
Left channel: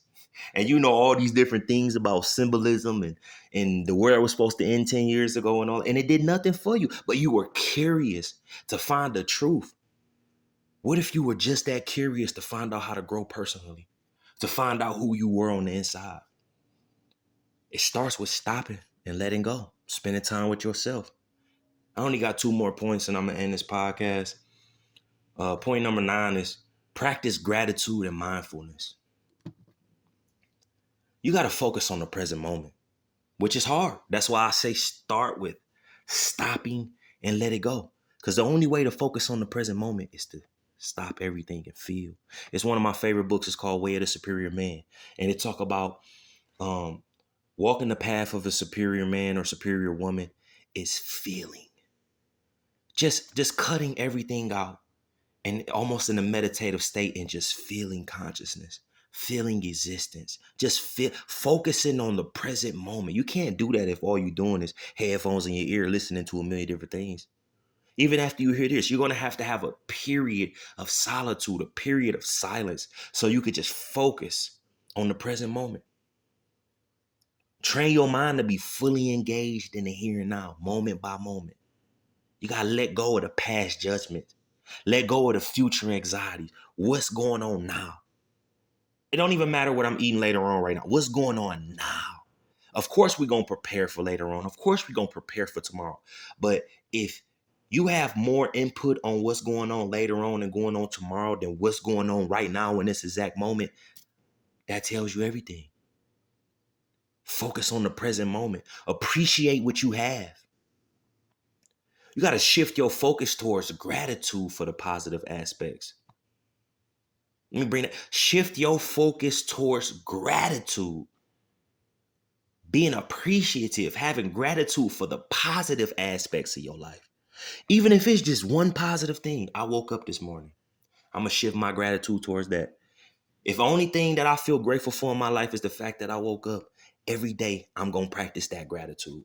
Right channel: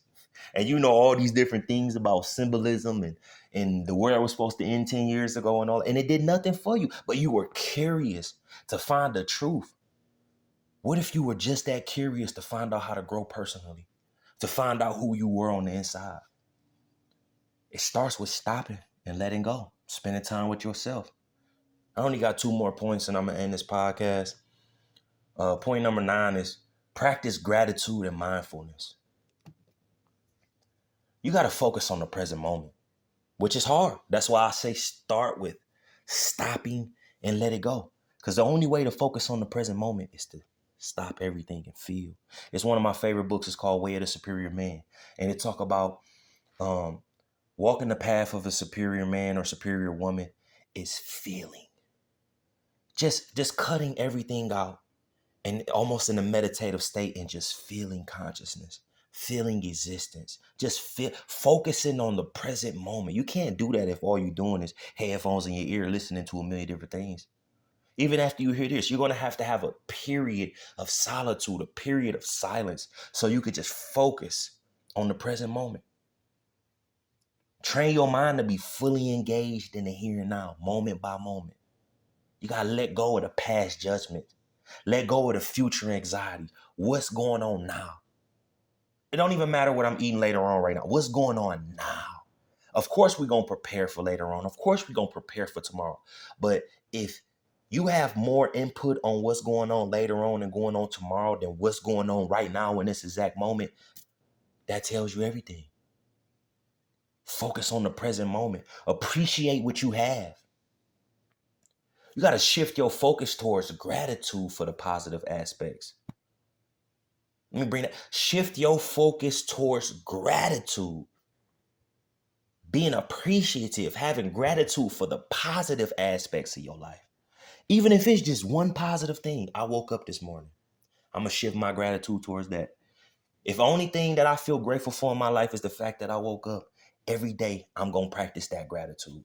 And you know all these different things about symbolism and the world was supposed to end 10 years ago and all, and it did nothing for you, but you were curious to find the truth. What if you were just that curious to find out how to grow personally, to find out who you were on the inside? It starts with stopping and letting go, spending time with yourself. I only got 2 more points and I'm gonna end this podcast. Point number 9 is practice gratitude and mindfulness. You got to focus on the present moment, which is hard. That's why I say start with stopping and let it go. Because the only way to focus on the present moment is to stop everything and feel. It's one of my favorite books. It's called Way of the Superior Man. And it talk about walking the path of a superior man or superior woman is feeling. Just cutting everything out and almost in a meditative state and just feeling consciousness, feeling existence, just focusing on the present moment. You can't do that if all you're doing is headphones in your ear listening to a million different things. Even after you hear this, you're going to have a period of solitude, a period of silence, so you could just focus on the present moment. Train your mind to be fully engaged in the here and now, moment by moment. You got to let go of the past judgment. Let go of the future anxiety. What's going on now? It don't even matter what I'm eating later on right now. What's going on now? Of course, we're going to prepare for later on. Of course, we're going to prepare for tomorrow. But if you have more input on what's going on later on and going on tomorrow than what's going on right now in this exact moment, that tells you everything. Focus on the present moment. Appreciate what you have. You got to shift your focus towards gratitude for the positive aspects. Let me bring that. Shift your focus towards gratitude. Being appreciative, having gratitude for the positive aspects of your life. Even if it's just one positive thing. I woke up this morning. I'm going to shift my gratitude towards that. If the only thing that I feel grateful for in my life is the fact that I woke up, every day I'm going to practice that gratitude.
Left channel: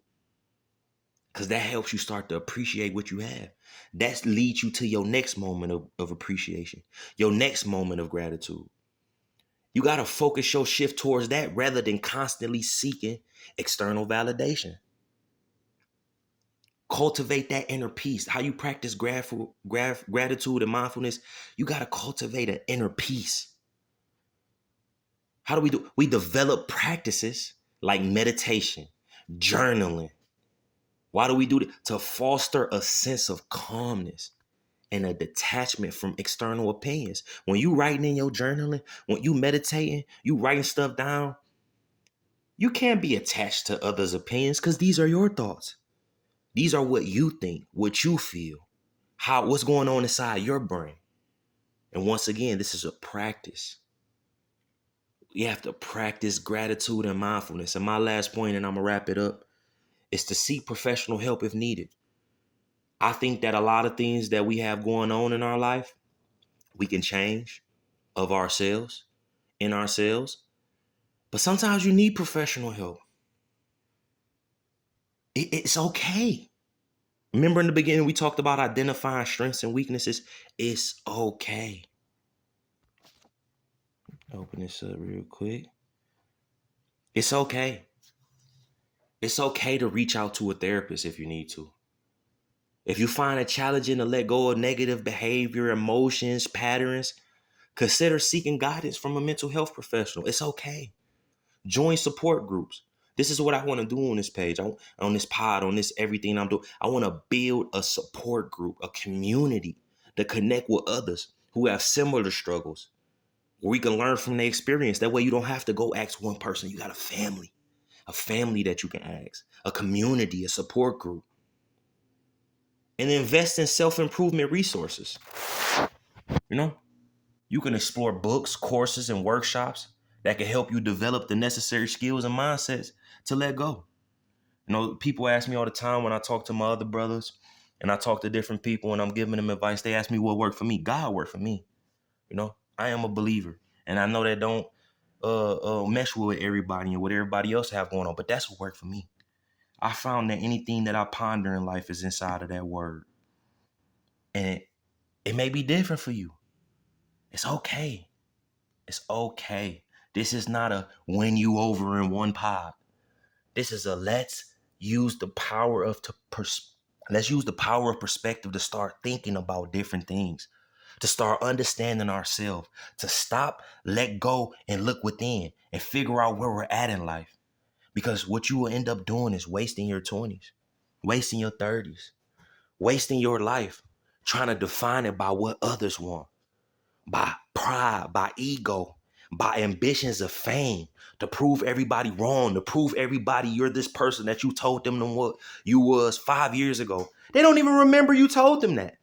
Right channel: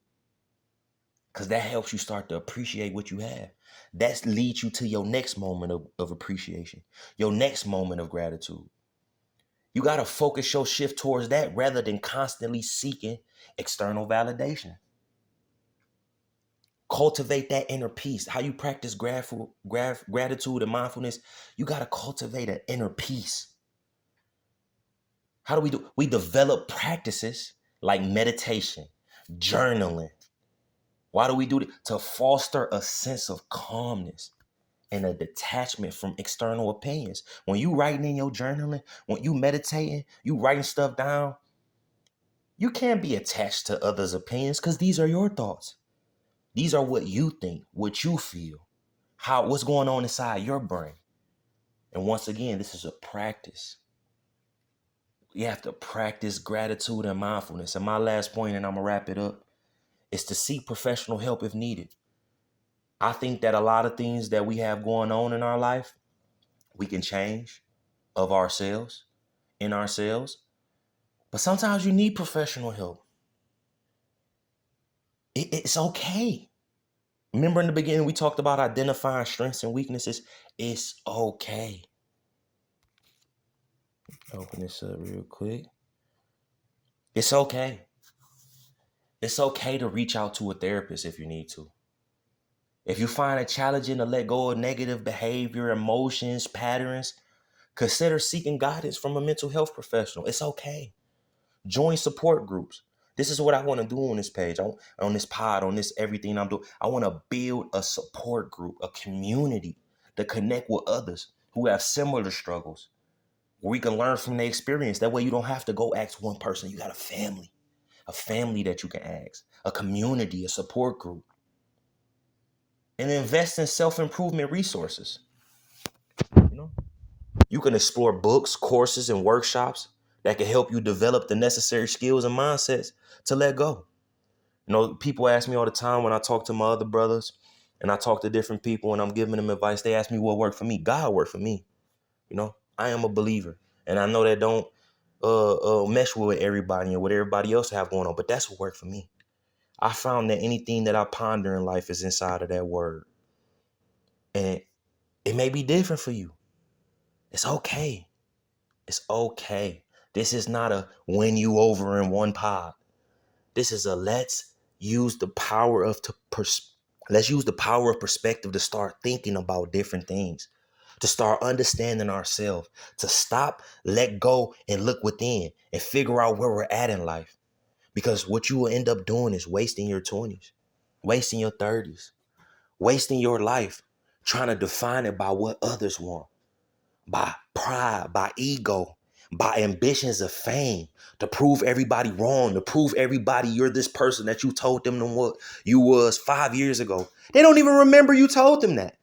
Because that helps you start to appreciate what you have. That leads you to your next moment of appreciation, your next moment of gratitude. You got to focus your shift towards that rather than constantly seeking external validation. Cultivate that inner peace. How you practice gratitude and mindfulness, you got to cultivate an inner peace. How do we do? We develop practices like meditation, journaling. Why do we do that? To foster a sense of calmness and a detachment from external opinions. When you writing in your journaling, when you meditating, you writing stuff down, you can't be attached to others' opinions because these are your thoughts. These are what you think, what you feel, what's going on inside your brain. And once again, this is a practice. You have to practice gratitude and mindfulness. And my last point, and I'm gonna wrap it up, is to seek professional help if needed. I think that a lot of things that we have going on in our life, we can change of ourselves, in ourselves. But sometimes you need professional help. It's okay. Remember in the beginning, we talked about identifying strengths and weaknesses. It's okay. Open this up real quick. It's okay. It's okay to reach out to a therapist if you need to. If you find it challenging to let go of negative behavior, emotions, patterns, consider seeking guidance from a mental health professional. It's okay. Join support groups. This is what I want to do on this page, on this pod, on this everything I'm doing. I want to build a support group, a community to connect with others who have similar struggles, where we can learn from their experience. That way you don't have to go ask one person. You got a family that you can ask, a community, a support group, and invest in self-improvement resources. You know, you can explore books, courses, and workshops that can help you develop the necessary skills and mindsets to let go. You know, people ask me all the time when I talk to my other brothers and I talk to different people and I'm giving them advice. They ask me what worked for me. God worked for me. You know, I am a believer, and I know that don't mesh with everybody and what everybody else have going on, but that's what worked for me. I found that anything that I ponder in life is inside of that word, and it may be different for you. It's okay. It's okay. This is not a win you over in one pod. This is a use the power of let's use the power of perspective to start thinking about different things, to start understanding ourselves, to stop, let go, and look within and figure out where we're at in life. Because what you will end up doing is wasting your 20s, wasting your 30s, wasting your life trying to define it by what others want, by pride, by ego, by ambitions of fame, to prove everybody wrong, to prove everybody you're this person that you told them what you was 5 years ago. They don't even remember you told them that.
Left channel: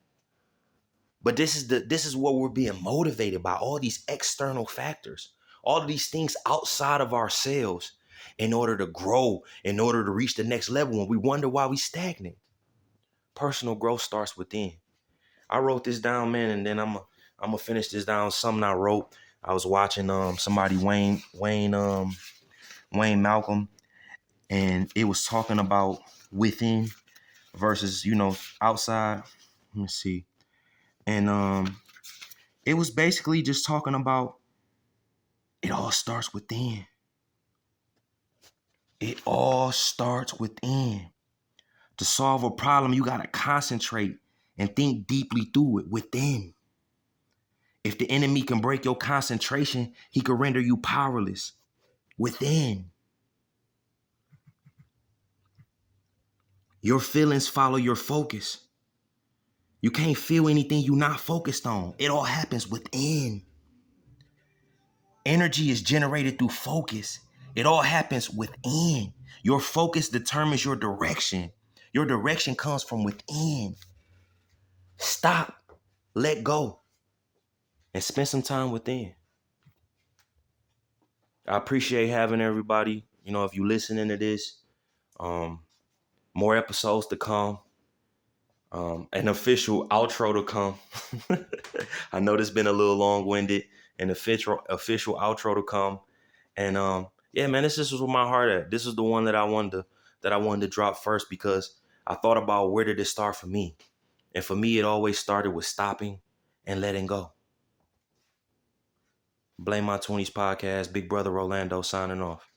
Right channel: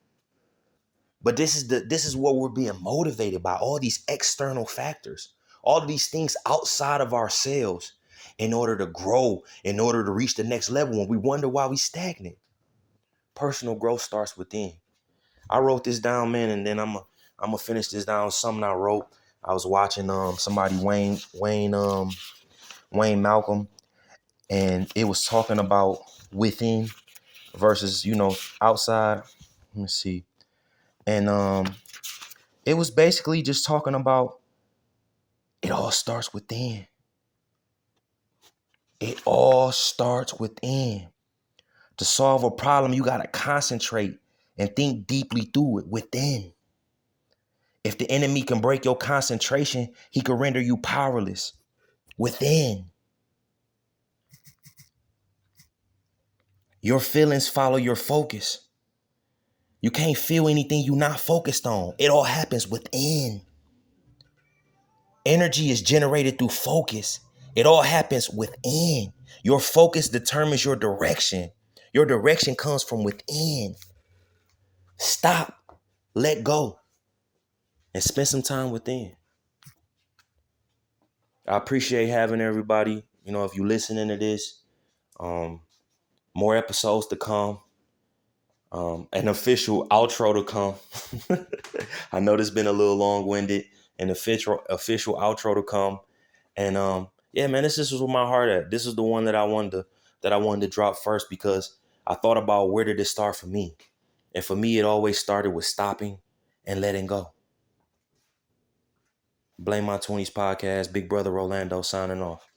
But this is what we're being motivated by, all these external factors, all of these things outside of ourselves in order to grow, in order to reach the next level. And we wonder why we stagnant. Personal growth starts within. I wrote this down, man, and then I'm gonna finish this down. Something I wrote. I was watching somebody Wayne Malcolm, and it was talking about within versus outside. Let me see, and it was basically just talking about it all starts within. It all starts within. To solve a problem, you gotta concentrate and think deeply through it within. If the enemy can break your concentration, he can render you powerless within. Your feelings follow your focus. You can't feel anything you're not focused on. It all happens within. Energy is generated through focus. It all happens within. Your focus determines your direction. Your direction comes from within. Stop, let go, and spend some time within. I appreciate having everybody. If you listening to this, more episodes to come. An official outro to come. I know this been a little long-winded. An official outro to come. And yeah, man, this is where my heart at. This is the one that I wanted to drop first because I thought about where did it start for me. And for me, it always started with stopping and letting go. Blame My 20's podcast. Big brother Rolando signing off.